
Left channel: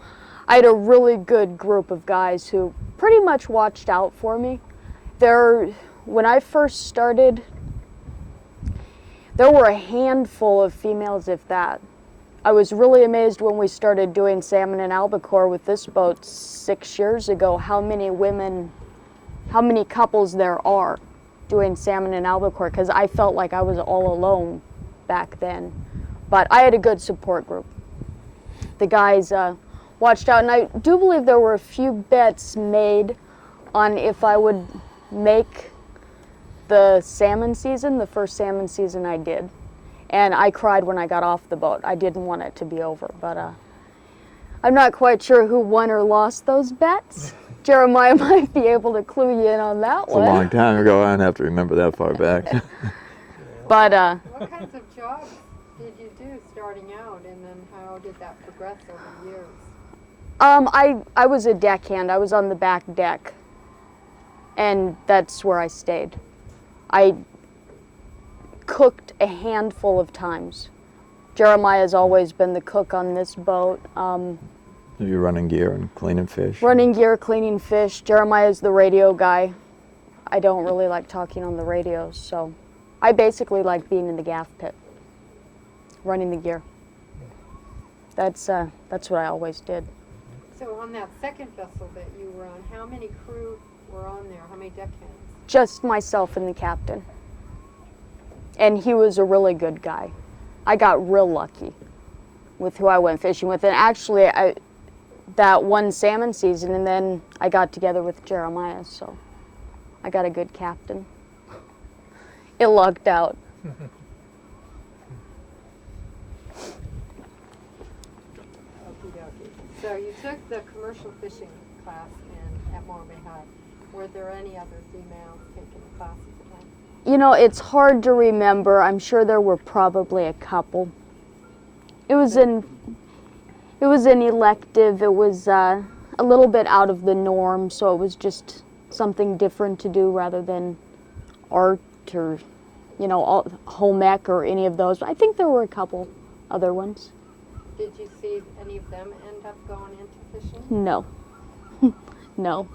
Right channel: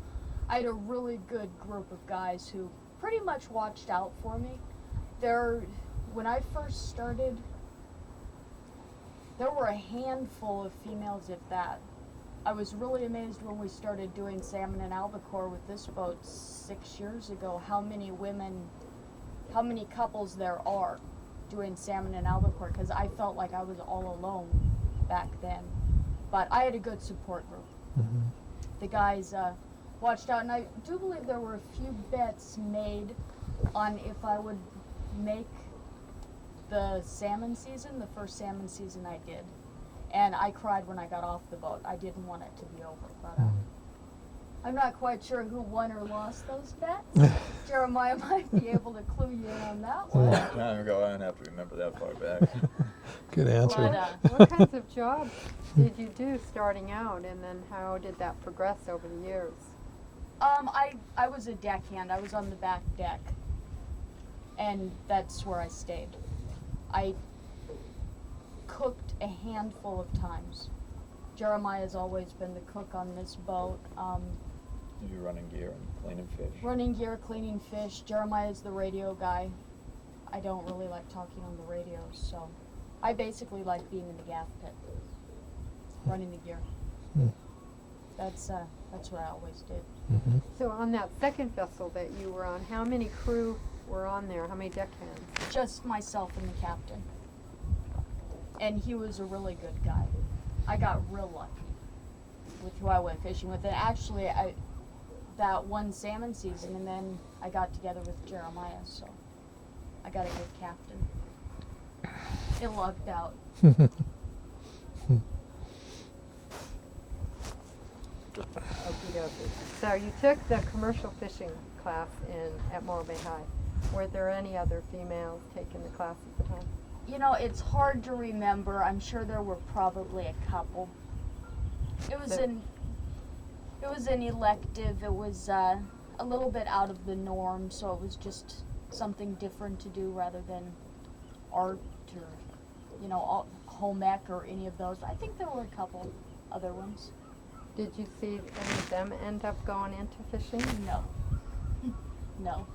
I had a really good group of guys who pretty much watched out for me. When I first started, there were a handful of females, if that. I was really amazed when we started doing salmon and albacore with this boat 6 years ago, how many couples there are doing salmon and albacore, because I felt like I was all alone back then. But I had a good support group. The guys watched out, and I do believe there were a few bets made on if I would make the salmon season, the first salmon season I did. And I cried when I got off the boat. I didn't want it to be over, but I'm not quite sure who won or lost those bets. Jeremiah might be able to clue you in on that It's a one. long time ago. I don't have to remember that far back. Good answer. But What kinds of jobs did you do starting out, and then how did that progress over the years? I was a deckhand. I was on the back deck, and that's where I stayed. I cooked a handful of times. Jeremiah's always been the cook on this boat. You're running gear and cleaning fish. Running gear, cleaning fish. Jeremiah's the radio guy. I don't really like talking on the radio, so I basically like being in the gaff pit, running the gear. That's what I always did. So on that second vessel that you were on, how many crew were on there? How many deckhands? Just myself and the captain. And he was a really good guy. I got real lucky with who I went fishing with. And actually, that one salmon season, and then I got together with Jeremiah, so I got a good captain. It lucked out. Okey-dokey. So you took the commercial fishing class at Morro High. Were there any other females taking the class at the time? You know, it's hard to remember. I'm sure there were probably a couple. It was an elective. It was a little bit out of the norm, so it was just something different to do rather than art or, home ec or any of those. I think there were a couple other ones. Did you see any of them end up going into fishing? No. No.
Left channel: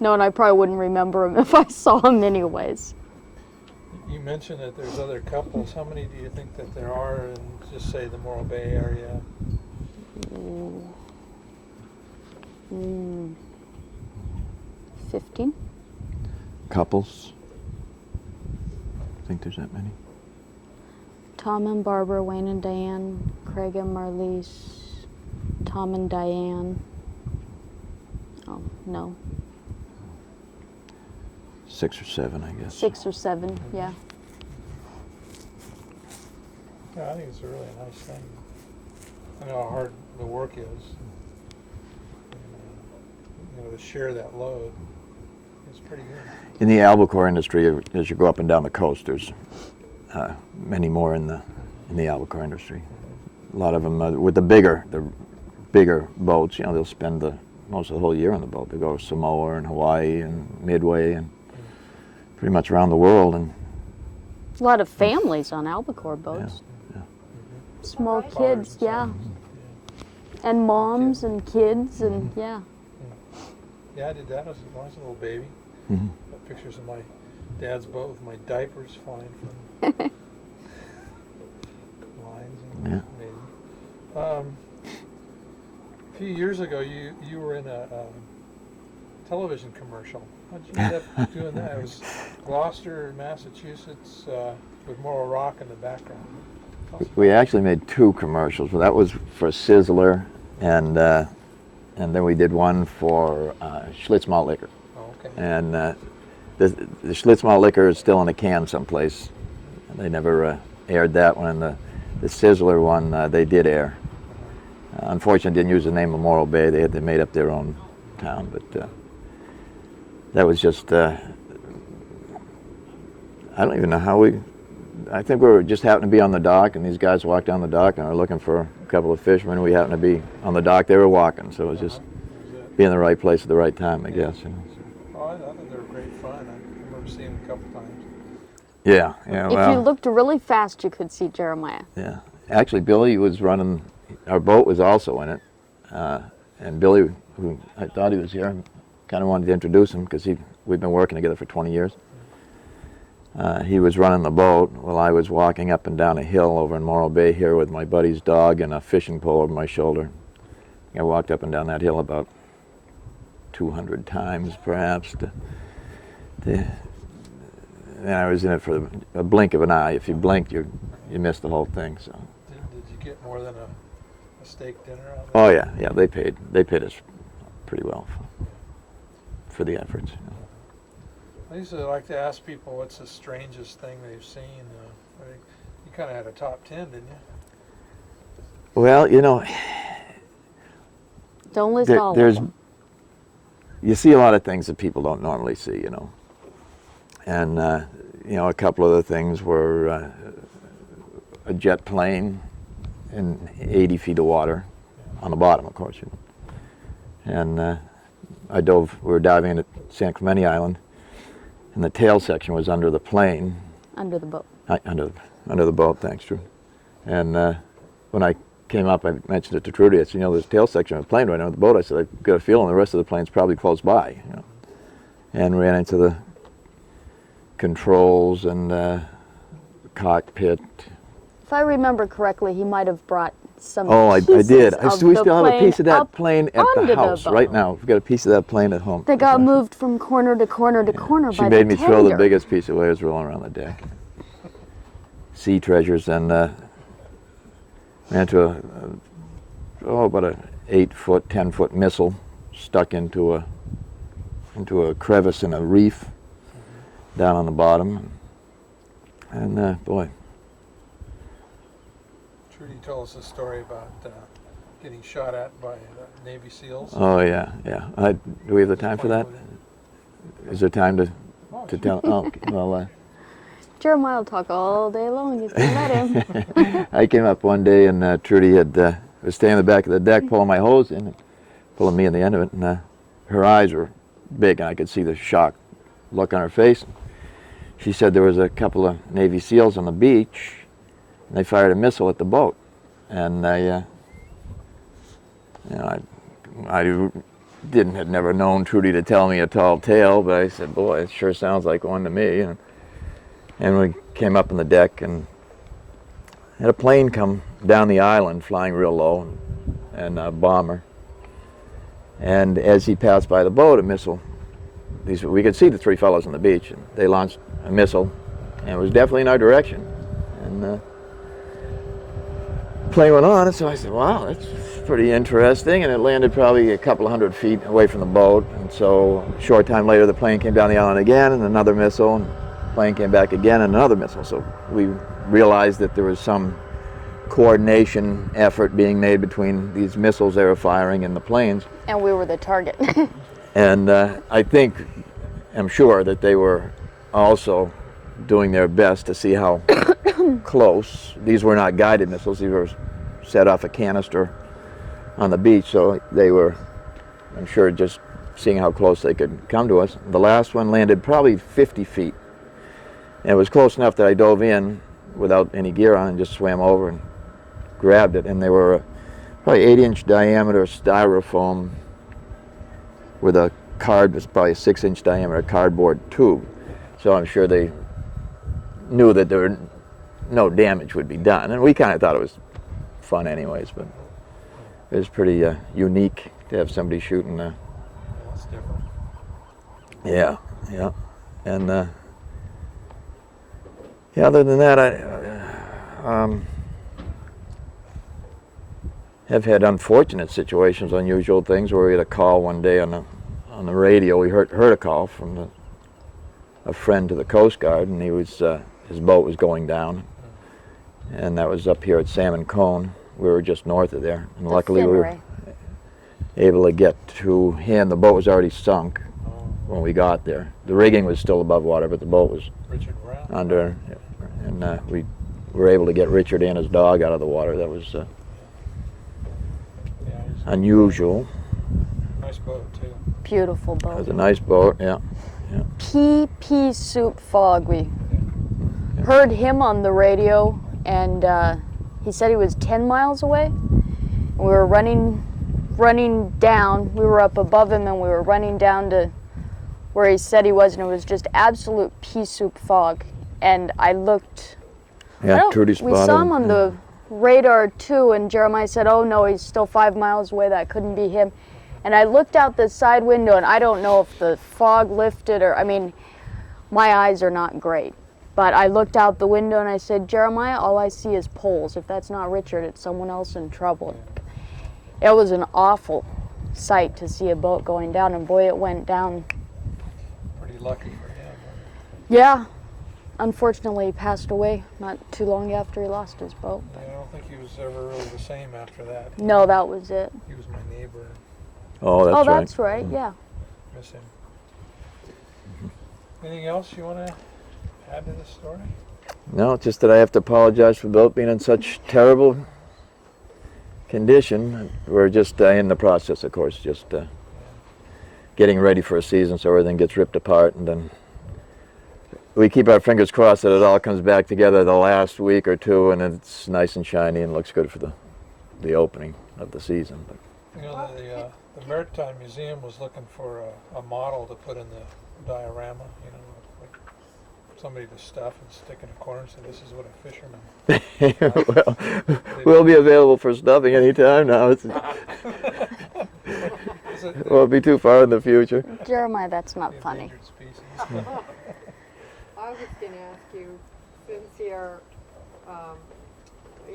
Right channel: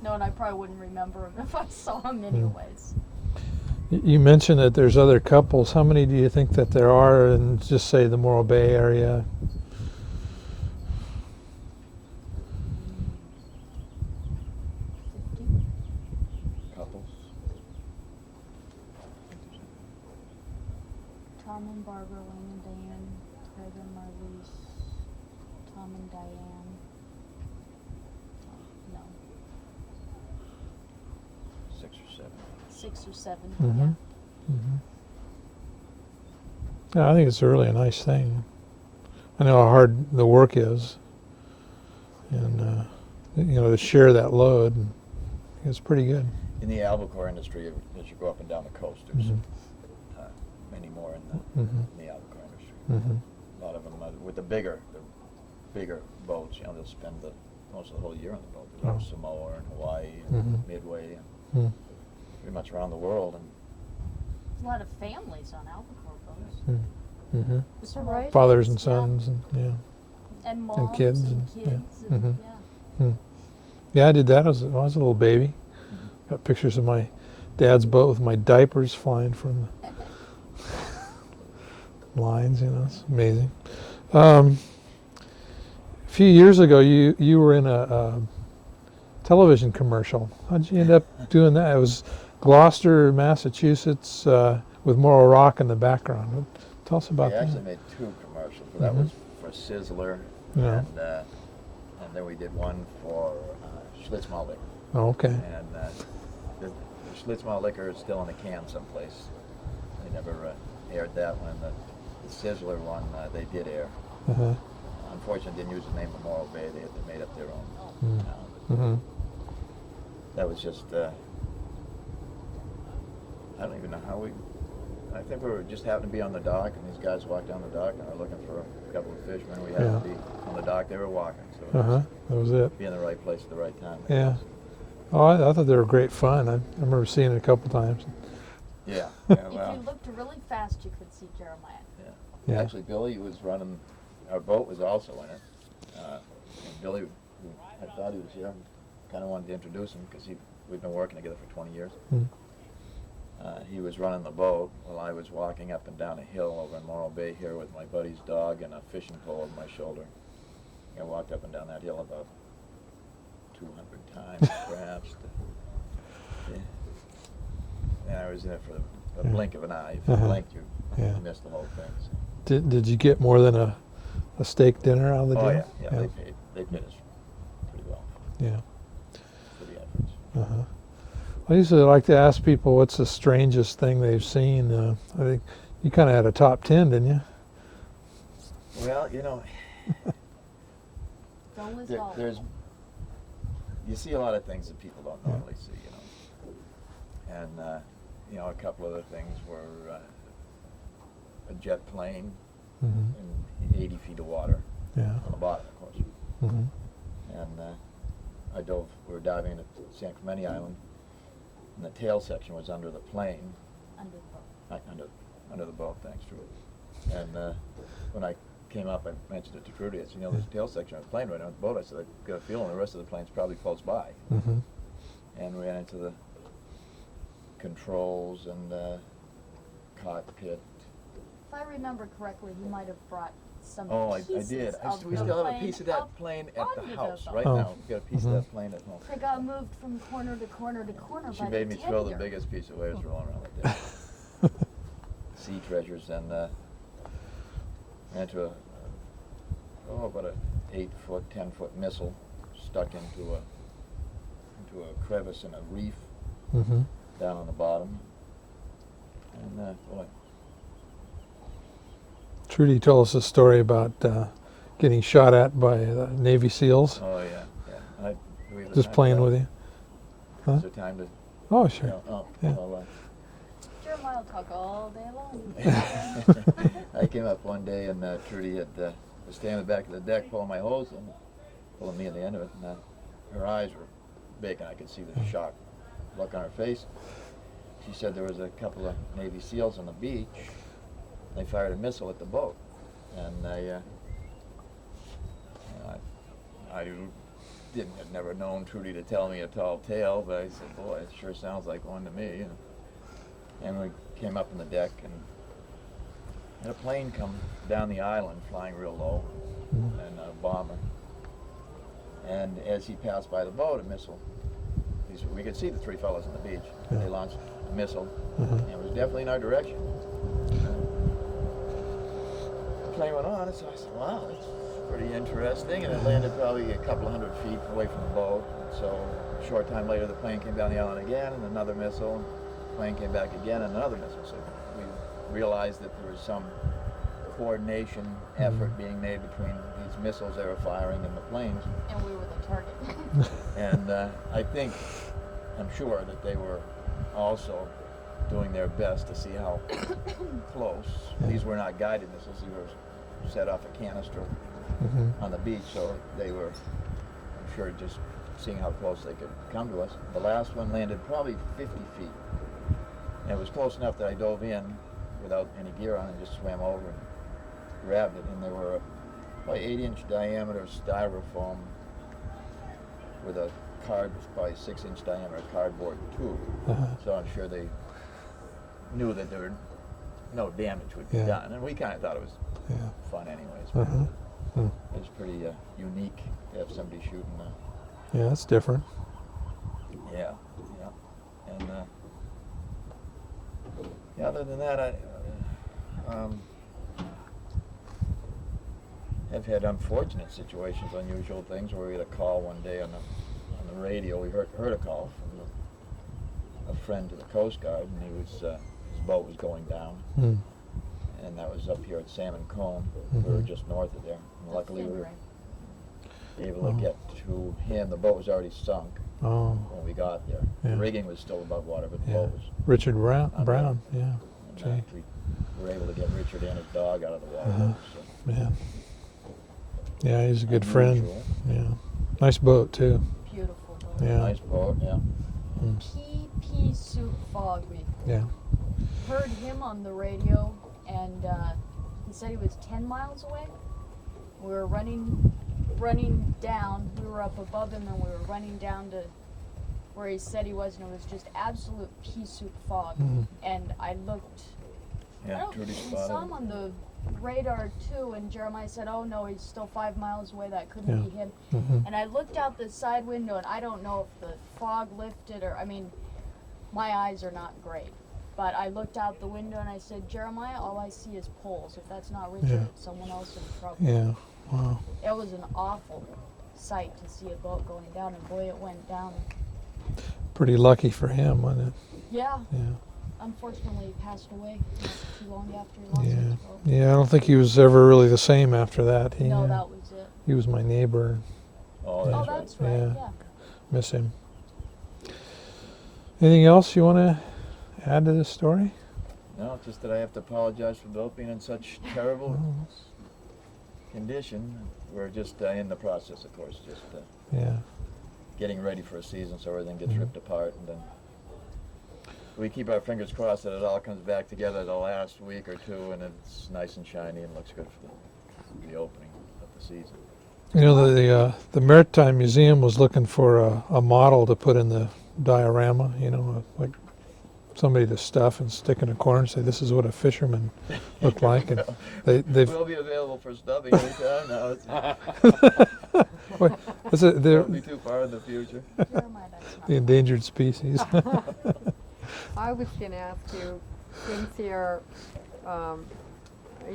No, and I probably wouldn't remember them if I saw them anyways. You mentioned that there's other couples. How many do you think that there are in, just say, the Morro Bay area? 15? Couples? Think there's that many? Tom and Barbara, Wayne and Diane, Craig and Marlise, Tom and Diane. Oh, no. 6 or 7, I guess. 6 or 7, yeah. Yeah, I think it's really a nice thing. I know how hard the work is, and to share that load. It's pretty good. In the albacore industry, as you go up and down the coast, there's many more in the albacore industry. A lot of them with the bigger boats. You know, they'll spend most of the whole year on the boat. They go to Samoa and Hawaii and Midway and pretty much around the world. And A lot of families on albacore boats. Small Right. Fathers kids, and yeah. sons. And moms kids. and kids and yeah. Yeah, I did that when I was a little baby. Got pictures of my dad's boat with my diapers flying from the lines. You know, it's amazing. A few years ago, you were in a television commercial. How'd you end up doing that? It was Gloucester, Massachusetts, with Morro Rock in the background. Tell us about we that. actually made 2 commercials. Well, that was for Sizzler, and then we did one for Schlitz Malt Liquor. Oh, okay. And the Schlitz Malt Liquor is still in a can someplace. They never aired that one. And the Sizzler one, they did air. Unfortunately, didn't use the name of Morro Bay. They made up their own town. But that was just, I don't even know how I think we were just happened to be on the dock, and these guys walked down the dock and were looking for a couple of fishermen. We happened to be on the dock. They were walking, so it was just That was it. be in the right place at the right time, I Yeah. guess. Oh, I thought they were great fun. I remember seeing it a couple times. Yeah, If you well, looked really fast, you could see Jeremiah. yeah. Actually, Billy was running. Our boat was also in it, and Billy, who I thought he was here, kind of wanted to introduce him because we've been working together for 20 years. He was running the boat while I was walking up and down a hill over in Morro Bay here with my buddy's dog and a fishing pole over my shoulder. I walked up and down that hill about 200 times, perhaps. And I was in it for a blink of an eye. If you blinked, you missed the whole thing. So. Did you get more than a steak dinner out of the Oh deal? yeah. They paid us pretty well Yeah. for the efforts. I usually like to ask people what's the strangest thing they've seen. I think you kind of had a top 10, didn't you? Well, you know, Don't list all of there's them. you see a lot of things that people don't normally see, you know. And you know, a couple of the things were a jet plane in 80 feet of water on the bottom, of course. And we were diving into San Clemente Island, and the tail section was under the plane. Under the boat. Under the boat, thanks, Drew. And when I came up, I mentioned it to Trudy. I said, you know, there's a tail section of the plane right under the boat. I said, I've got a feeling the rest of the plane's probably close by. You know? And ran into the controls and cockpit. If I remember correctly, he might have brought some Oh, I pieces did. of We the still have a piece of that up plane at onto the the house boat. right now. We've got a piece of that plane at home. They got moved from corner to corner to corner She by made the me throw the tender. biggest piece of waves rolling around the deck. Sea treasures, and ran to about a 8-foot, 10-foot missile stuck into a crevice in a reef down on the bottom. And boy, Trudy told us a story about getting shot at by Navy SEALs. oh yeah. Do we have the Just time for playing that? with you. Is there time to Oh, to sure. tell? Oh, okay. Well, Jeremiah will talk all day long. You can let him. I came up one day and Trudy was staying in the back of the deck pulling my hose in, pulling me in the end of it, and her eyes were big and I could see the shock look on her face. She said there was a couple of Navy SEALs on the beach and they fired a missile at the boat. And I had never known Trudy to tell me a tall tale, but I said, boy, it sure sounds like one to me. And we came up on the deck and had a plane come down the island flying real low, and a bomber. And as he passed by the boat, a missile, we could see the 3 fellows on the beach, and they launched a missile, and it was definitely in our direction. And the plane went on, and so I said, wow, that's pretty interesting, and it landed probably a couple of 100 feet away from the boat. And so a short time later, the plane came down the island again, and another missile, and the plane came back again, and another missile. So we realized that there was some coordination effort being made between these missiles they were firing and the planes. And we were the target. And I think am sure that they were also doing their best to see how close. These were not guided missiles. These were set off a canister on the beach, so they were, I'm sure, just seeing how close they could come to us. The last one landed probably 50 feet. And it was close enough that I dove in without any gear on and just swam over and grabbed it. And they were probably 8-inch diameter styrofoam with a card, was probably a 6-inch diameter cardboard tube. So I'm sure they knew that there were no damage would be done. And we kind of thought it was fun anyways. But it was pretty unique to have somebody shooting. Yeah, that's different. Yeah. And yeah, other than that, I have had unfortunate situations, unusual things, where we had a call one day on the radio. We heard a call from a friend to the Coast Guard, and he was his boat was going down, and that was up here at Salmon Cone. We were just north of there, and luckily we were able to get to him. The boat was already sunk when we got there. The rigging was still above water, but the boat was Richard Brown. under, and we were able to get Richard and his dog out of the water. That was he's a good unusual. friend. Yeah. Nice boat too. Beautiful boat. It was a nice boat, Pea soup fog. We heard him on the radio, and he said he was 10 miles away. We were running down. We were up above him, and we were running down to where he said he was, and it was just absolute pea soup fog. And I looked. Trudy We spotted saw him on the radar too, and Jeremiah said, "Oh no, he's still 5 miles away. That couldn't be him." And I looked out the side window, and I don't know if the fog lifted or, I mean, my eyes are not great. But I looked out the window and I said, "Jeremiah, all I see is poles. If that's not Richard, it's someone else in trouble." Yeah. Wow. It was an awful sight to see a boat going down, and boy, it went down. Pretty lucky for him, wasn't it? Yeah. Unfortunately, he passed away not too long after he lost his boat. Yeah, I don't think he was ever really the same after that. No, that was it. He was my neighbor. Oh, that's right. That's right. Yeah. Miss him. Anything else you want to add to this story? No, just that I have to apologize for the boat being in such terrible condition. We're just in the process, of course, just getting ready for a season, so everything gets ripped apart, and then we keep our fingers crossed that it all comes back together the last week or two, and it's nice and shiny and looks good for the opening of the season. You know, the Maritime Museum was looking for a model to put in the diorama, you know, like somebody to stuff and stick in a corner and say, "This is what a fisherman looked like." Well, they've- we'll be available for stuffing anytime now. It won't be too far in the future. Jeremiah, that's not the funny. endangered species. I was going to ask you, since you're,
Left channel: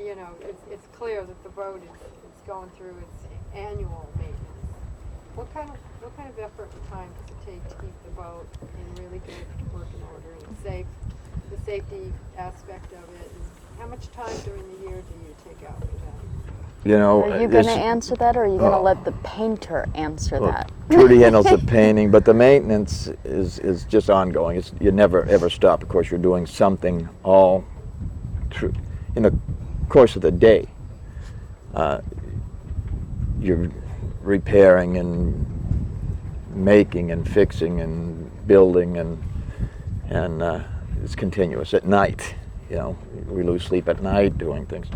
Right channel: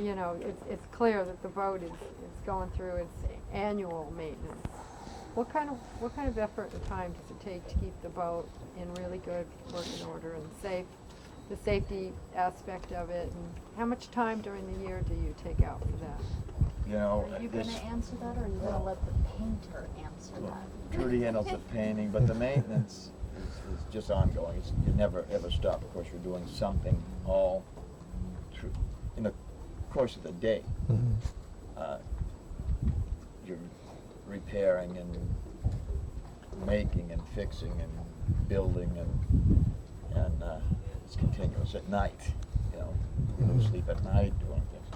you know, it's clear that the boat is going through its annual maintenance. What kind of effort and time does it take to keep the boat in really good working order, and the safety aspect of it, and how much time during the year do you take out for that? You know, Are you going to answer that, or are you going to let the painter answer that? Trudy handles the painting, but the maintenance is just ongoing. You never ever stop. Of course, you're doing something all through in the course of the day. You're repairing and making and fixing and building, and it's continuous. At night, you know, we lose sleep at night doing things.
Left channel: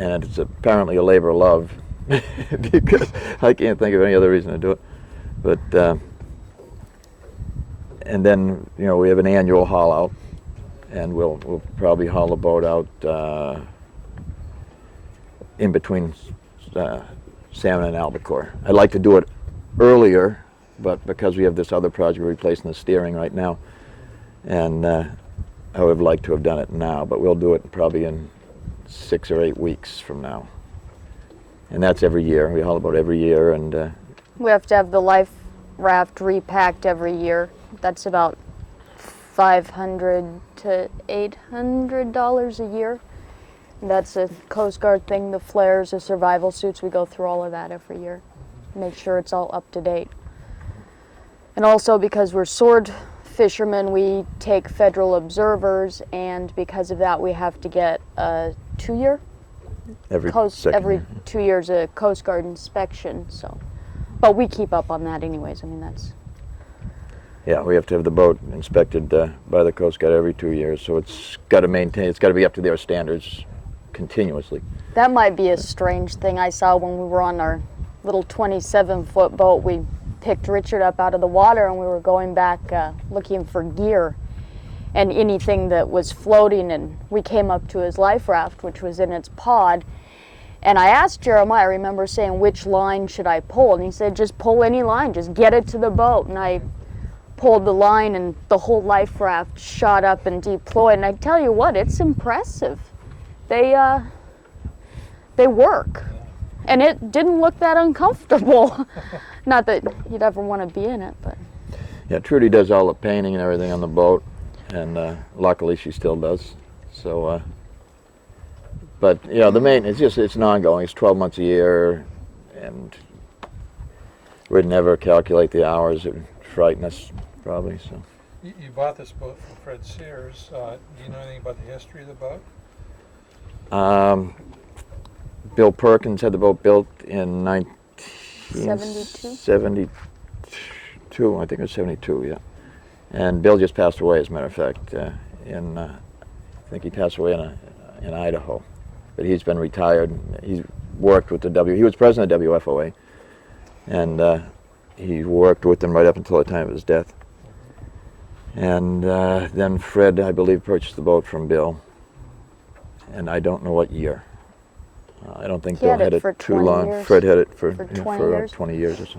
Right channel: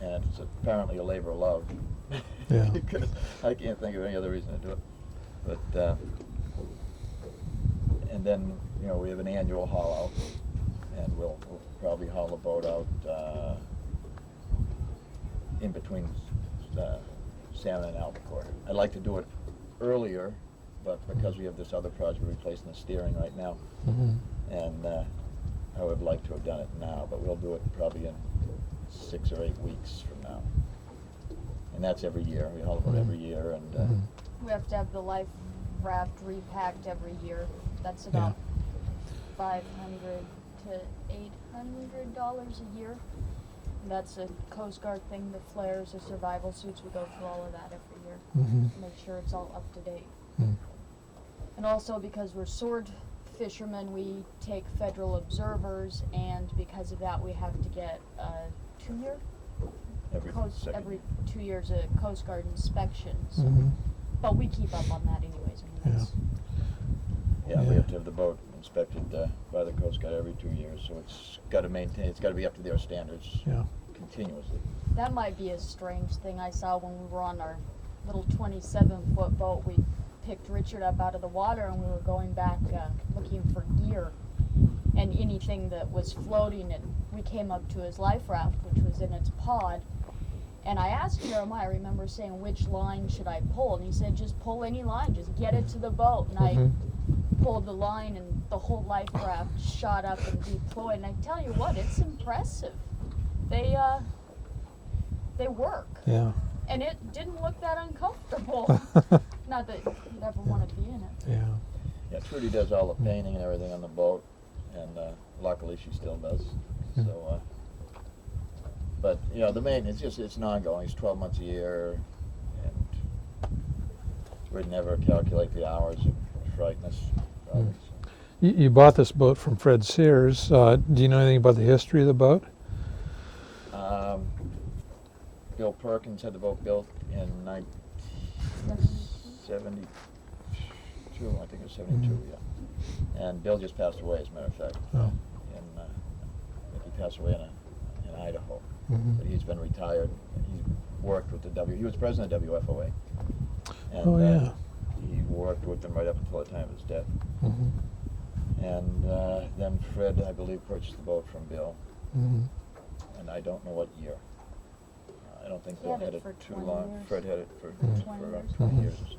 And it's apparently a labor of love, because I can't think of any other reason to do it. But and then, you know, we have an annual haul out, and we'll probably haul the boat out in between Salmon and Albacore. I'd like to do it earlier, but because we have this other project replacing the steering right now, and I would like to have done it now, but we'll do it probably in 6 or 8 weeks from now. And that's every year. We haul a boat every year, and We have to have the life raft repacked every year. That's about $500 to $800 a year. That's a Coast Guard thing. The flares, the survival suits, we go through all of that every year. Make sure it's all up to date. And also because we're sword fishermen, we take federal observers, and because of that we have to get a 2-year Every every year. 2 years a Coast Guard inspection. So, but we keep up on that anyways. I mean, that's Yeah, we have to have the boat inspected by the Coast Guard every 2 years, so it's got to maintain, it's got to be up to their standards continuously. that might be a strange thing I saw when we were on our little 27-foot boat. We picked Richard up out of the water and we were going back looking for gear and anything that was floating, and we came up to his life raft, which was in its pod, and I asked Jeremiah, I remember saying, which line should I pull, and he said, just pull any line, just get it to the boat. And I pulled the line and the whole life raft shot up and deployed, and I tell you what, it's impressive. They work. Yeah. And it didn't look that uncomfortable. Not that you'd ever want to be in it, but Yeah, Trudy does all the painting and everything on the boat, and luckily she still does. So, but yeah, the maintenance, it's an ongoing. It's 12 months a year, and we'd never calculate the hours. It would frighten us, probably. So. You bought this boat from Fred Sears. Do you know anything about the history of the boat? Bill Perkins had the boat built in 72? 72, I think it was 72, yeah. And Bill just passed away, as a matter of fact, I think he passed away in Idaho. But he's been retired. He's worked with he was president of WFOA, and he worked with them right up until the time of his death. And then Fred, I believe, purchased the boat from Bill, and I don't know what year. I don't think Bill had it for too 20 long. years. Fred had it for 20 for years. 20 years or so.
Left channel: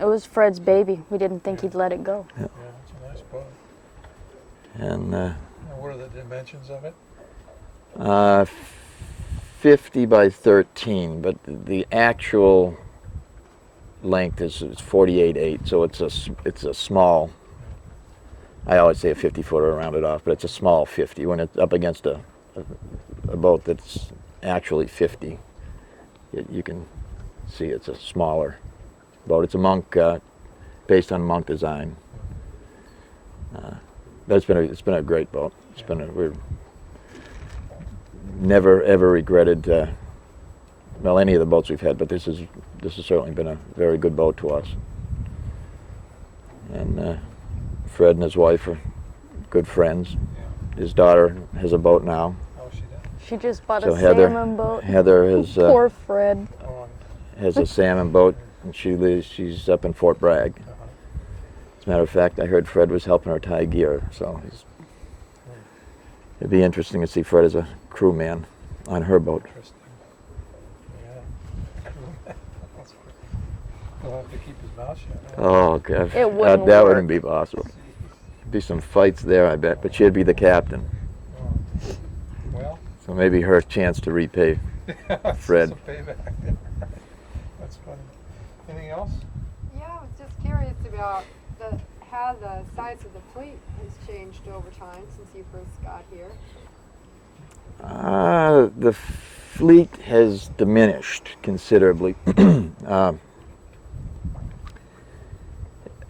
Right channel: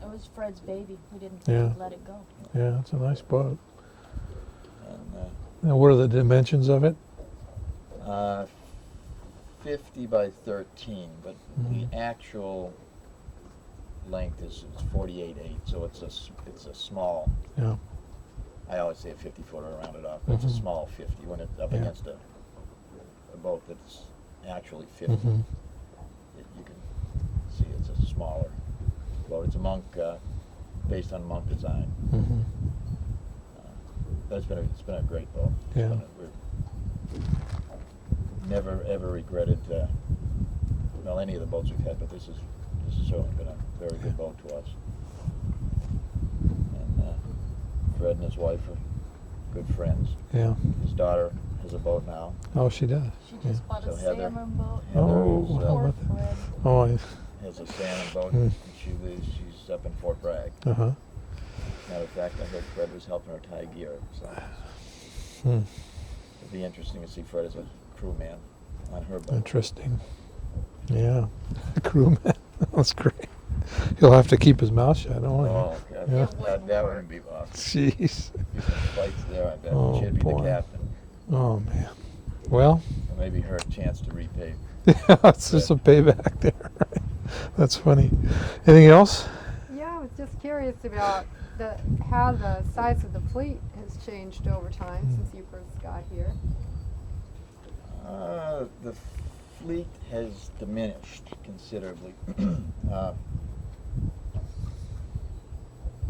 it was Fred's baby. We didn't think Yeah. he'd let it go. Yeah, it's a nice boat. And And what are the dimensions of it? 50 by 13, but the actual length is 48.8, so it's a small. Yeah. I always say a 50-footer, rounded off, but it's a small 50 when it's up against a boat that's actually 50. You can see it's a smaller boat. It's a Monk, based on Monk design. But it's been a great boat. Yeah. We're never ever regretted any of the boats we've had, but this has certainly been a very good boat to us. And Fred and his wife are good friends. Yeah. His daughter has a boat now. Oh, she does. She just bought So a Heather- salmon boat. Heather is Poor Fred. Oh, has a salmon boat, and she's up in Fort Bragg. uh-huh. As a matter of fact, I heard Fred was helping her tie gear, so it'd be interesting to see Fred as a crewman on her boat. Interesting. Yeah. The crewman. That's great. He'll have to keep his mouth shut. Oh, God. It wouldn't that work. wouldn't be possible. Jeez. Be some fights there, I bet, but Oh, she'd be the boy. captain. Oh, man. Well, So maybe her chance to repay. it's Fred. some payback there. That's funny. Anything else? Yeah, I was just curious about how the size of the fleet has changed over time since you first got here. The fleet has diminished considerably.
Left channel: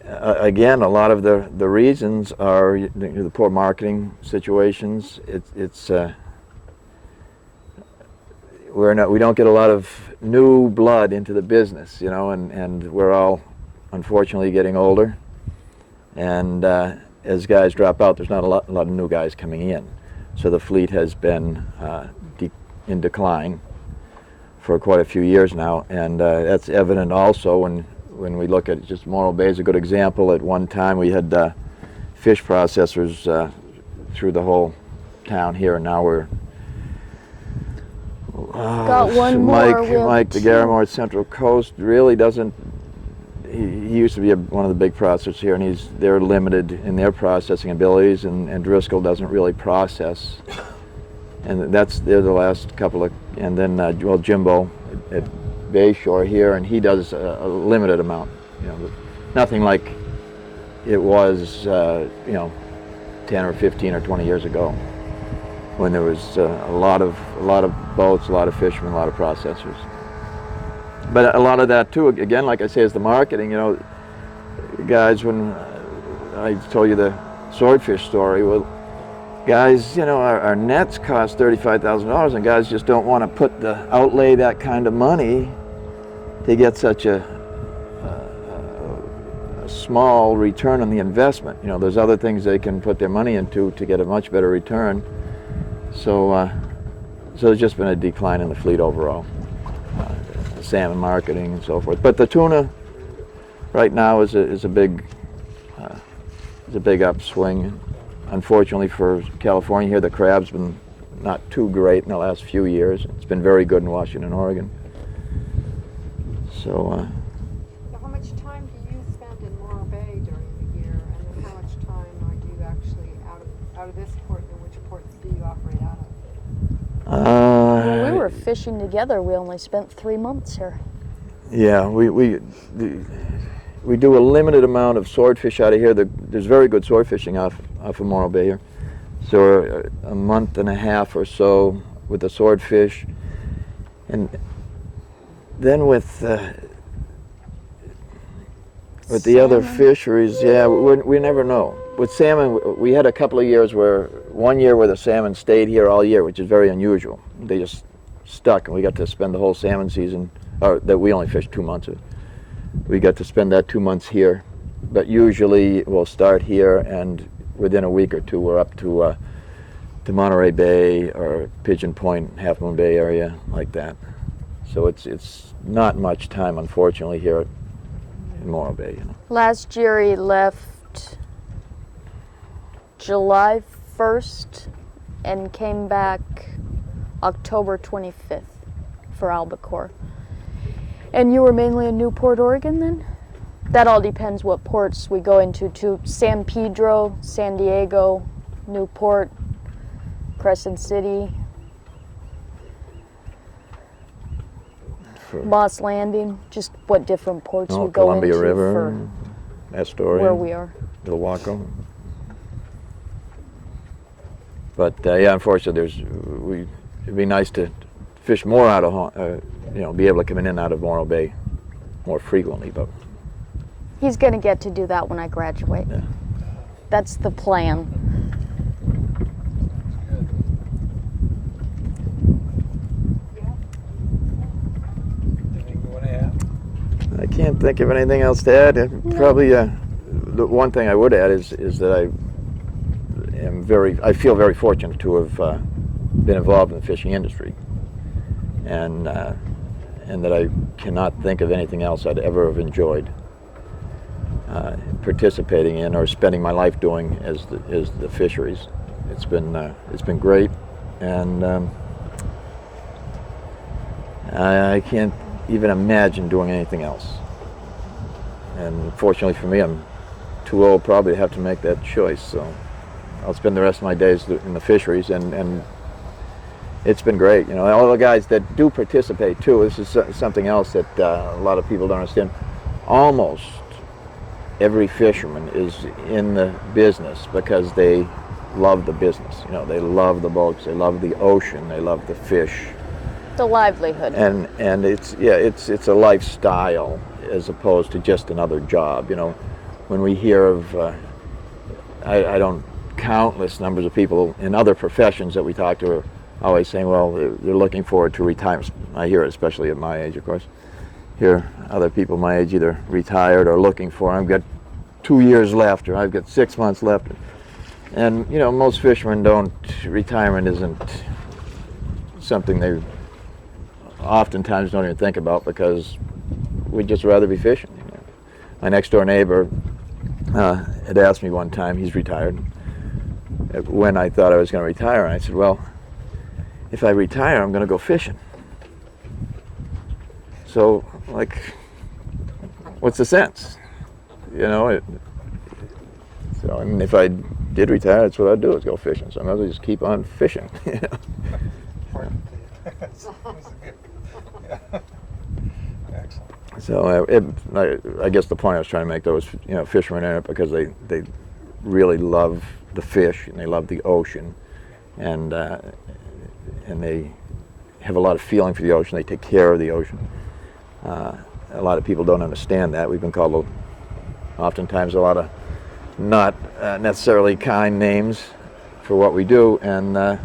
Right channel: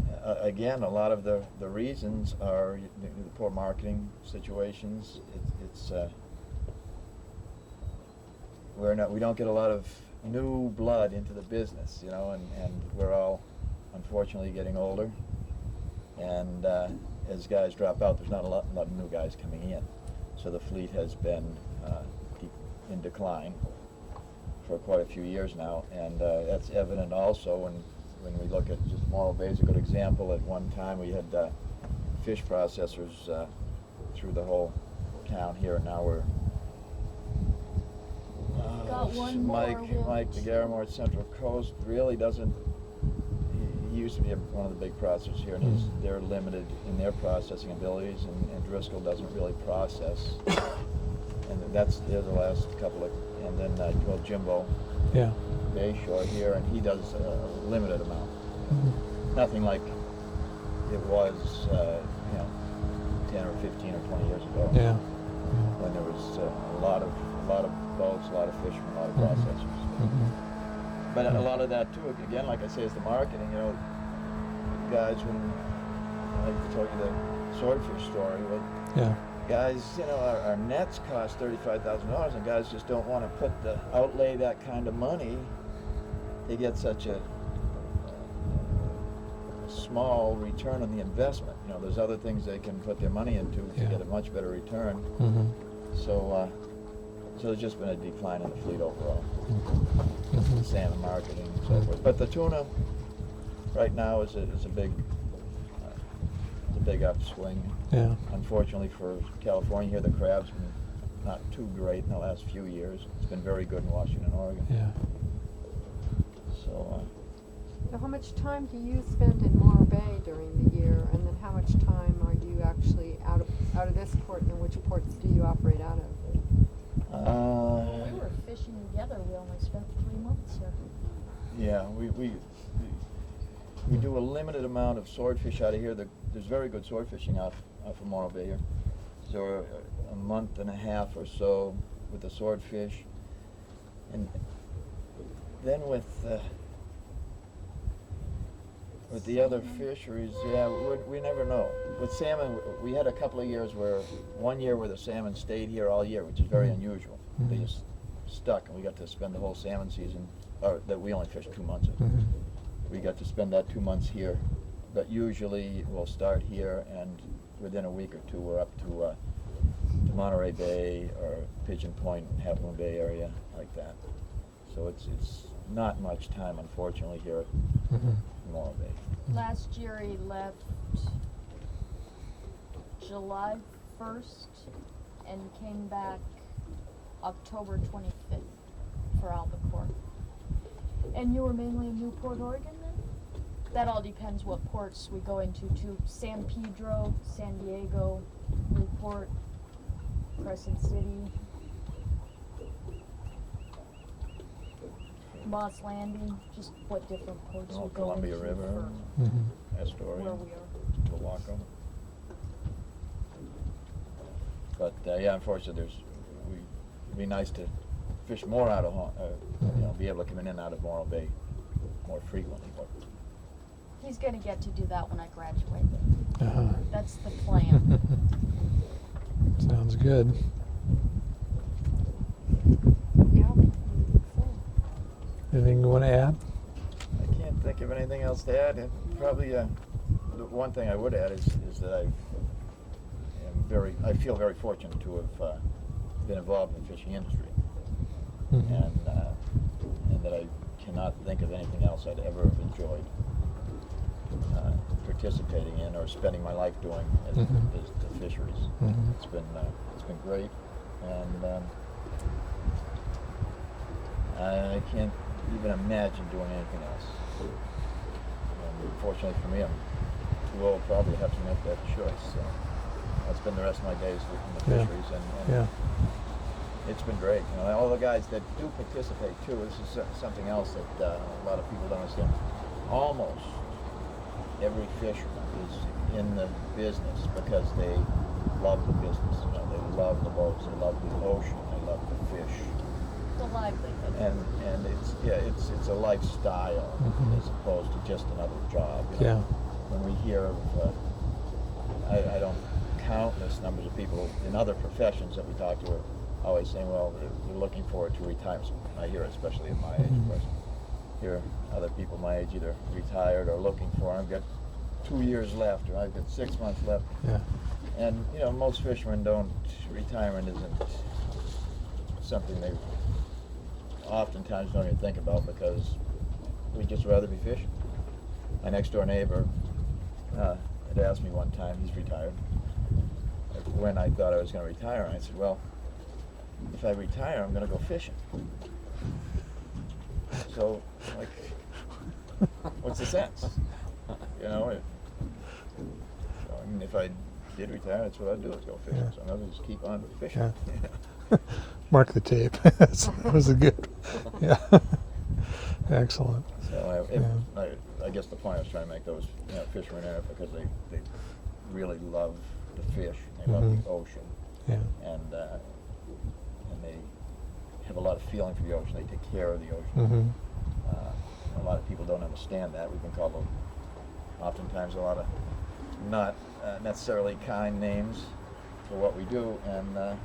Again, a lot of the reasons are the poor marketing situations. We don't get a lot of new blood into the business, and we're all unfortunately getting older. And as guys drop out, there's not a lot of new guys coming in. So the fleet has been in decline for quite a few years now, and that's evident also when we look at just Morro Bay is a good example. At one time we had fish processors through the whole town here, and now we're Got one more. We have Mike the two. Garamore at Central Coast really doesn't. He used to be one of the big processors here, and they're limited in their processing abilities, and Driscoll doesn't really process. And they're the last couple of, and then Jimbo at Bayshore here, and he does a limited amount. Nothing like it was 10 or 15 or 20 years ago, Yeah. when there was a lot of boats, a lot of fishermen, a lot of processors. But a lot of that too, again, like I say, is the marketing. guys when I told you the swordfish story. Well, Yeah. guys, our nets cost $35,000, and guys just don't want to outlay that kind of money to get such a small return on the investment. There's other things they can put their money into to get a much better return. So there's just been a decline in the fleet overall, salmon marketing and so forth. But the tuna right now is a big upswing. Yeah. Unfortunately for California here, the crab's been not too great in the last few years. It's been very good in Washington, Oregon. Yeah. So. So how much time do you spend in Morro Bay during the year, and then how much time are you actually out of this port, and which ports do you operate out of? When we were fishing together, we only spent 3 months here. Yeah, we do a limited amount of swordfish out of here. There's very good sword fishing off of Morro Bay here. So a month and a half or so with the swordfish, and then with the other fisheries, yeah, we never know. With salmon, we had a couple of years one year where the salmon stayed here all year, which is very unusual. They just stuck, and we got to spend the whole salmon season, that we only fished 2 months of it. We got to spend that 2 months here. But usually we'll start here, and within a week or two we're up to Monterey Bay or Pigeon Point, Half Moon Bay area, like that. So it's not much time, unfortunately, here in Morro Bay. Last year he left July 1st and came back October 25th for Albacore. And you were mainly in Newport, Oregon then? That all depends what ports we go into too. San Pedro, San Diego, Newport, Crescent City, Moss Landing, just what different ports we go Columbia into River, for Astoria, where we are. Ilwaco. But yeah, unfortunately, it'd be nice to fish more out of, be able to come in and out of Morro Bay more frequently. But He's going to get to do that when I graduate. yeah. That's the plan. Sounds good. Anything you want to add? I can't think of anything else to add. Probably the one thing I would add is that I feel very fortunate to have been involved in the fishing industry, and that I cannot think of anything else I'd ever have enjoyed participating in or spending my life doing as the fisheries. It's been great, and I can't even imagine doing anything else. And fortunately for me, I'm too old probably to have to make that choice. So I'll spend the rest of my days in the fisheries, and it's been great. All the guys that do participate too. This is something else that a lot of people don't understand. Almost every fisherman is in the business because they love the business. They love the boats, they love the ocean, they love the fish. The livelihood. And it's a lifestyle as opposed to just another job. When we hear of, I don't countless numbers of people in other professions that we talk to are always saying, well, they're looking forward to retirement. I hear it, especially at my age, of course. Hear other people my age either retired or looking for. I've got 2 years left, or I've got 6 months left. And most fishermen retirement isn't something they oftentimes don't even think about, because we'd just rather be fishing. My next door neighbor had asked me one time, he's retired, when I thought I was going to retire, and I said, well, if I retire, I'm going to go fishing. So, what's the sense? So, if I did retire, that's what I'd do, is go fishing. So I might as well just keep on fishing. Mark the tape. That was a good. Yeah. Excellent. So I guess the point I was trying to make, though, was fishermen in it because they really love the fish and they love the ocean, and they have a lot of feeling for the ocean. They take care of the ocean. A lot of people don't understand that. We've been called oftentimes a lot of not necessarily kind names for what we do, and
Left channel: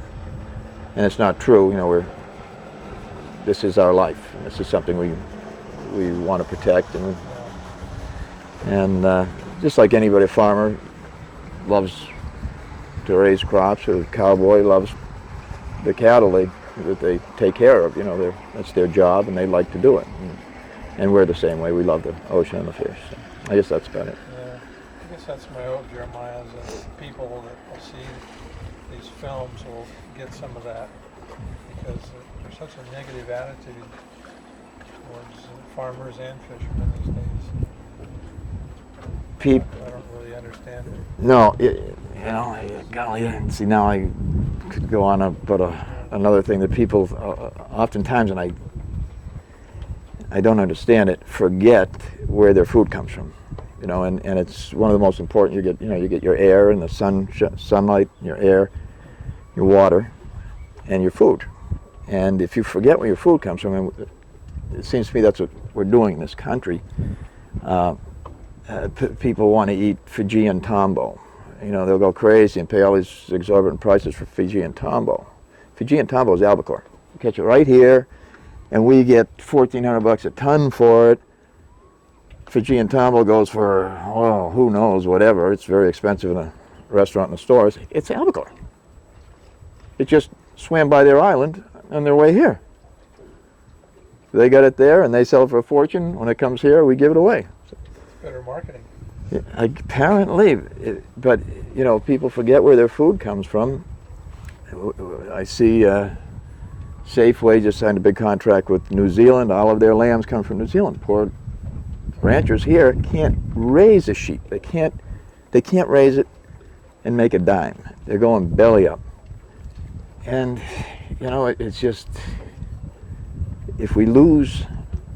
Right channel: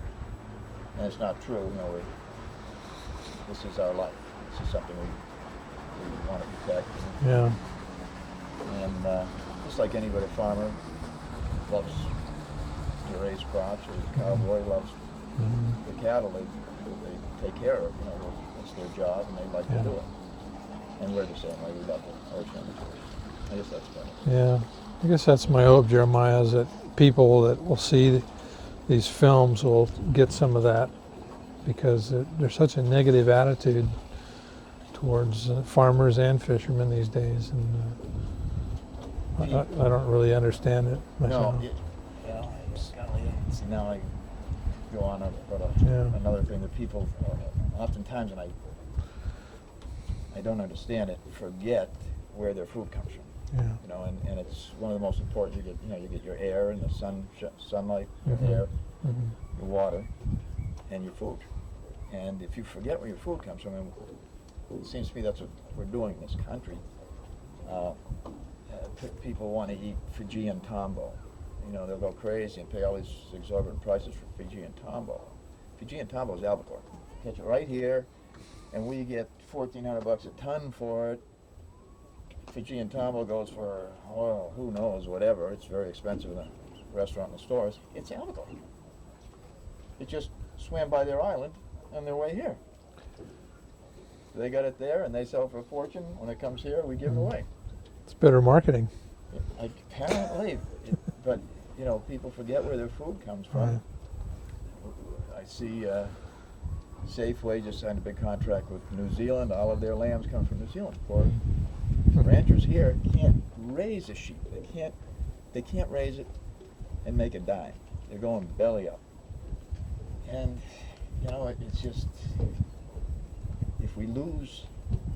it's not true. You know, this is our life. This is something we want to protect, and just like anybody, a farmer loves to raise crops, or a cowboy loves the cattle that they take care of. You know, that's their job, and they like to do it. And we're the same way. We love the ocean and the fish. So I guess that's about it. Yeah, I guess that's my hope, Jeremiah, is that people that will see these films will get some of that, because there's such a negative attitude towards farmers and fishermen these days. And, I don't really understand it. No, you know, golly, see, now I could go on about another thing that people oftentimes, and I don't understand it, forget where their food comes from. You know, and it's one of the most important. You get your air and the sunlight, your air, your water, and your food. And if you forget where your food comes from, and it seems to me that's what we're doing in this country. People want to eat Fijian tambo. You know, they'll go crazy and pay all these exorbitant prices for Fijian tambo. Fijian tambo is albacore. You catch it right here, and we get $1,400 a ton for it. Fijian tambo goes for, well, who knows, whatever. It's very expensive in a restaurant and the stores. It's albacore. It just swam by their island on their way here. They got it there, and they sell it for a fortune. When it comes here, we give it away. It's better marketing. Apparently, but you know, people forget where their food comes from. I see Safeway just signed a big contract with New Zealand. All of their lambs come from New Zealand. Poor ranchers here can't raise a sheep. They can't raise it and make a dime. They're going belly up. And you know, it's just, if we lose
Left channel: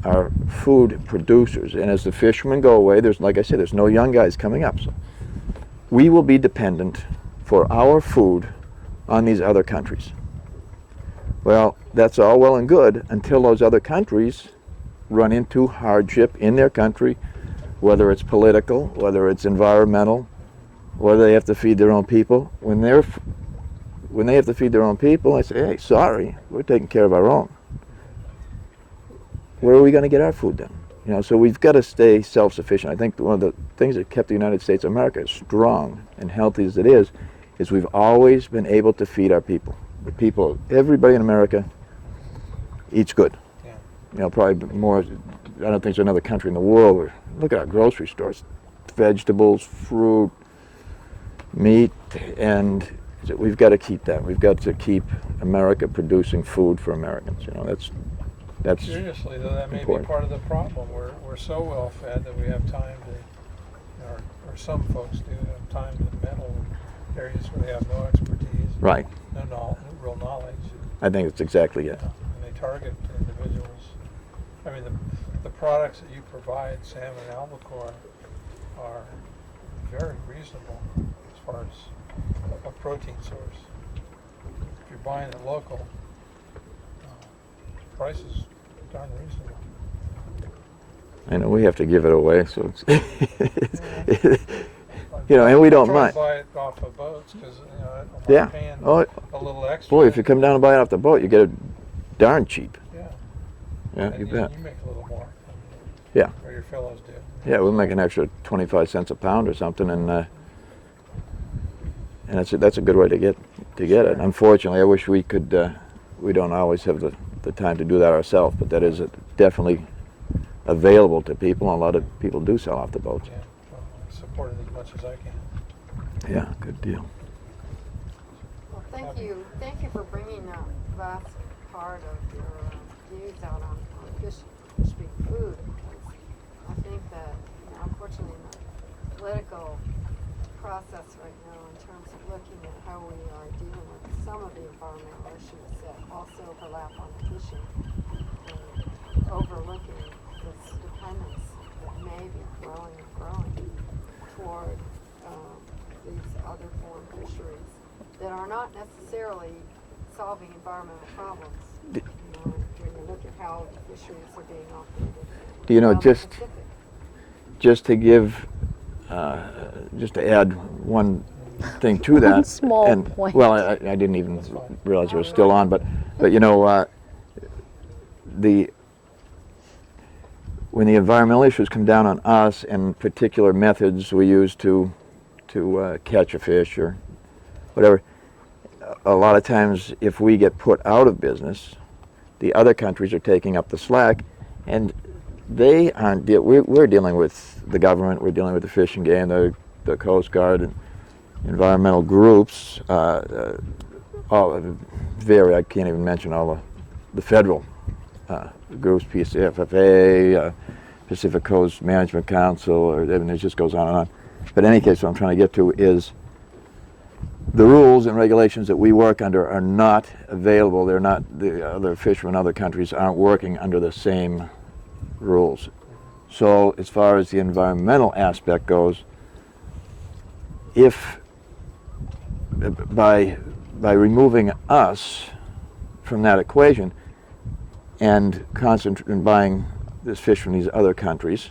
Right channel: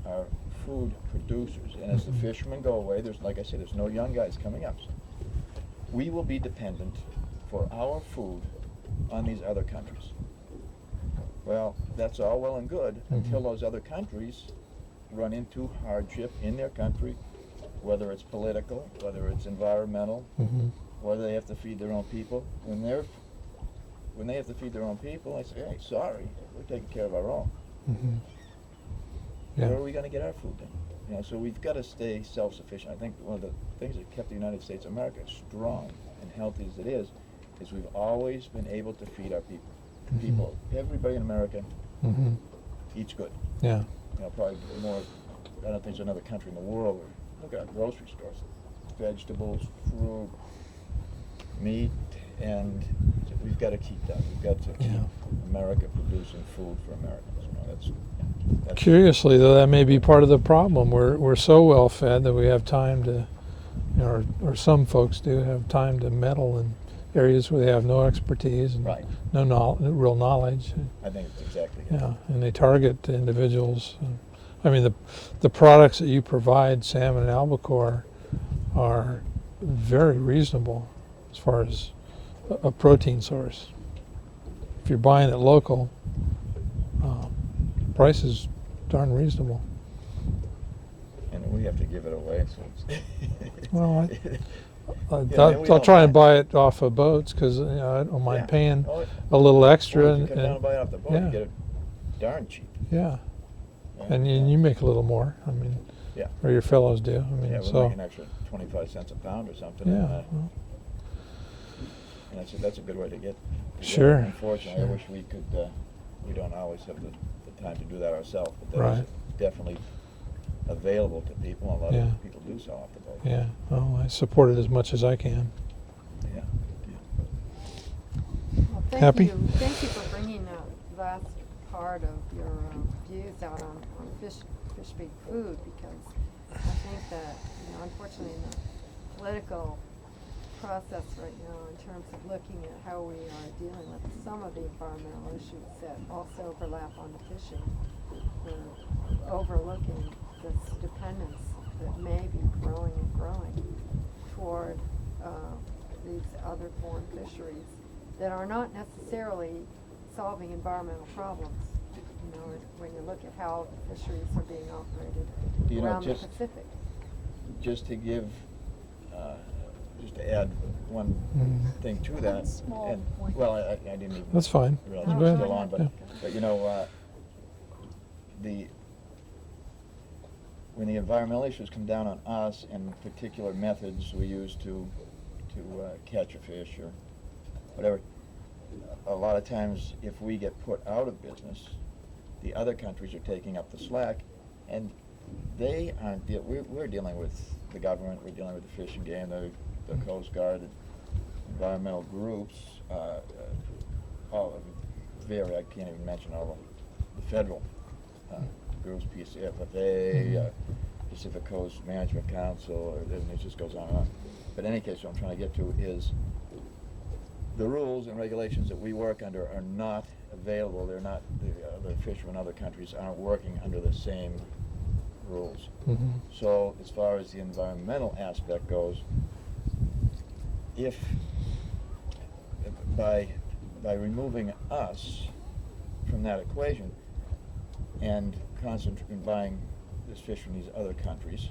our food producers, and as the fishermen go away, like I said, there's no young guys coming up. So we will be dependent for our food on these other countries. Well, that's all well and good until those other countries run into hardship in their country, whether it's political, whether it's environmental, whether they have to feed their own people. When they have to feed their own people, I say, hey, sorry, we're taking care of our own. Where are we going to get our food then? You know, so we've got to stay self-sufficient. I think one of the things that kept the United States of America as strong and healthy as it is we've always been able to feed our people. The people, everybody in America eats good. Yeah. You know, probably more, I don't think there's another country in the world where, look at our grocery stores, vegetables, fruit, meat, and we've got to keep that. We've got to keep America producing food for Americans. You know, that's curiously, though, that may be part of the problem. We're so well fed that we have time to, you know, or some folks do have time to meddle in areas where they have no expertise, and right, no real knowledge. I think it's exactly it. Yeah, and they target individuals. I mean, the products that you provide, salmon and albacore, are very reasonable as far as a protein source. If you're buying it local, price is darn reasonable. I know we have to give it away, so it's Well, you know, and we I'll don't try mind. and buy it off of boats, because I don't mind paying a little extra. Boy, if you come down and buy it off the boat, you get it darn cheap. Yeah, Yeah, and you make a little more. I mean, yeah, or your fellows do. I mean, yeah, we'll so, make an extra 25 cents a pound or something, yeah, and that's a good way to get Sure. it. Unfortunately, I wish we could. We don't always have the time to do that ourselves, but that is definitely available to people, and a lot of people do sell off the boat. Yeah, well, I support it as much as I can. Yeah, good deal. Well, Happy? Thank you for bringing that last part of your views out on fish being food, because I think that, you know, unfortunately, in the political process right now, in terms of looking at how we are dealing with some of the environmental issues that also overlap on the fishing, and overlooking this dependence that may be growing and growing toward these other foreign fisheries that are not necessarily solving environmental problems. You know, when you look at how the fisheries are being operated. Do you know, around the just Pacific. just to give just to add one thing to that. One small and, point. Well, I didn't even That's fine. realize it was Go still ahead. on, but you know, when the environmental issues come down on us and particular methods we use to catch a fish or whatever, a lot of times if we get put out of business, the other countries are taking up the slack, and they aren't. We're dealing with the government. We're dealing with the Fish and Game, the Coast Guard, and environmental groups. All very. I can't even mention all the federal groups, PCFFA, Pacific Coast Management Council, or and it just goes on and on. But in any case, what I'm trying to get to is the rules and regulations that we work under are not available. They're not, the other fishermen in other countries aren't working under the same rules. So as far as the environmental aspect goes, if by removing us from that equation and buying this fish from these other countries,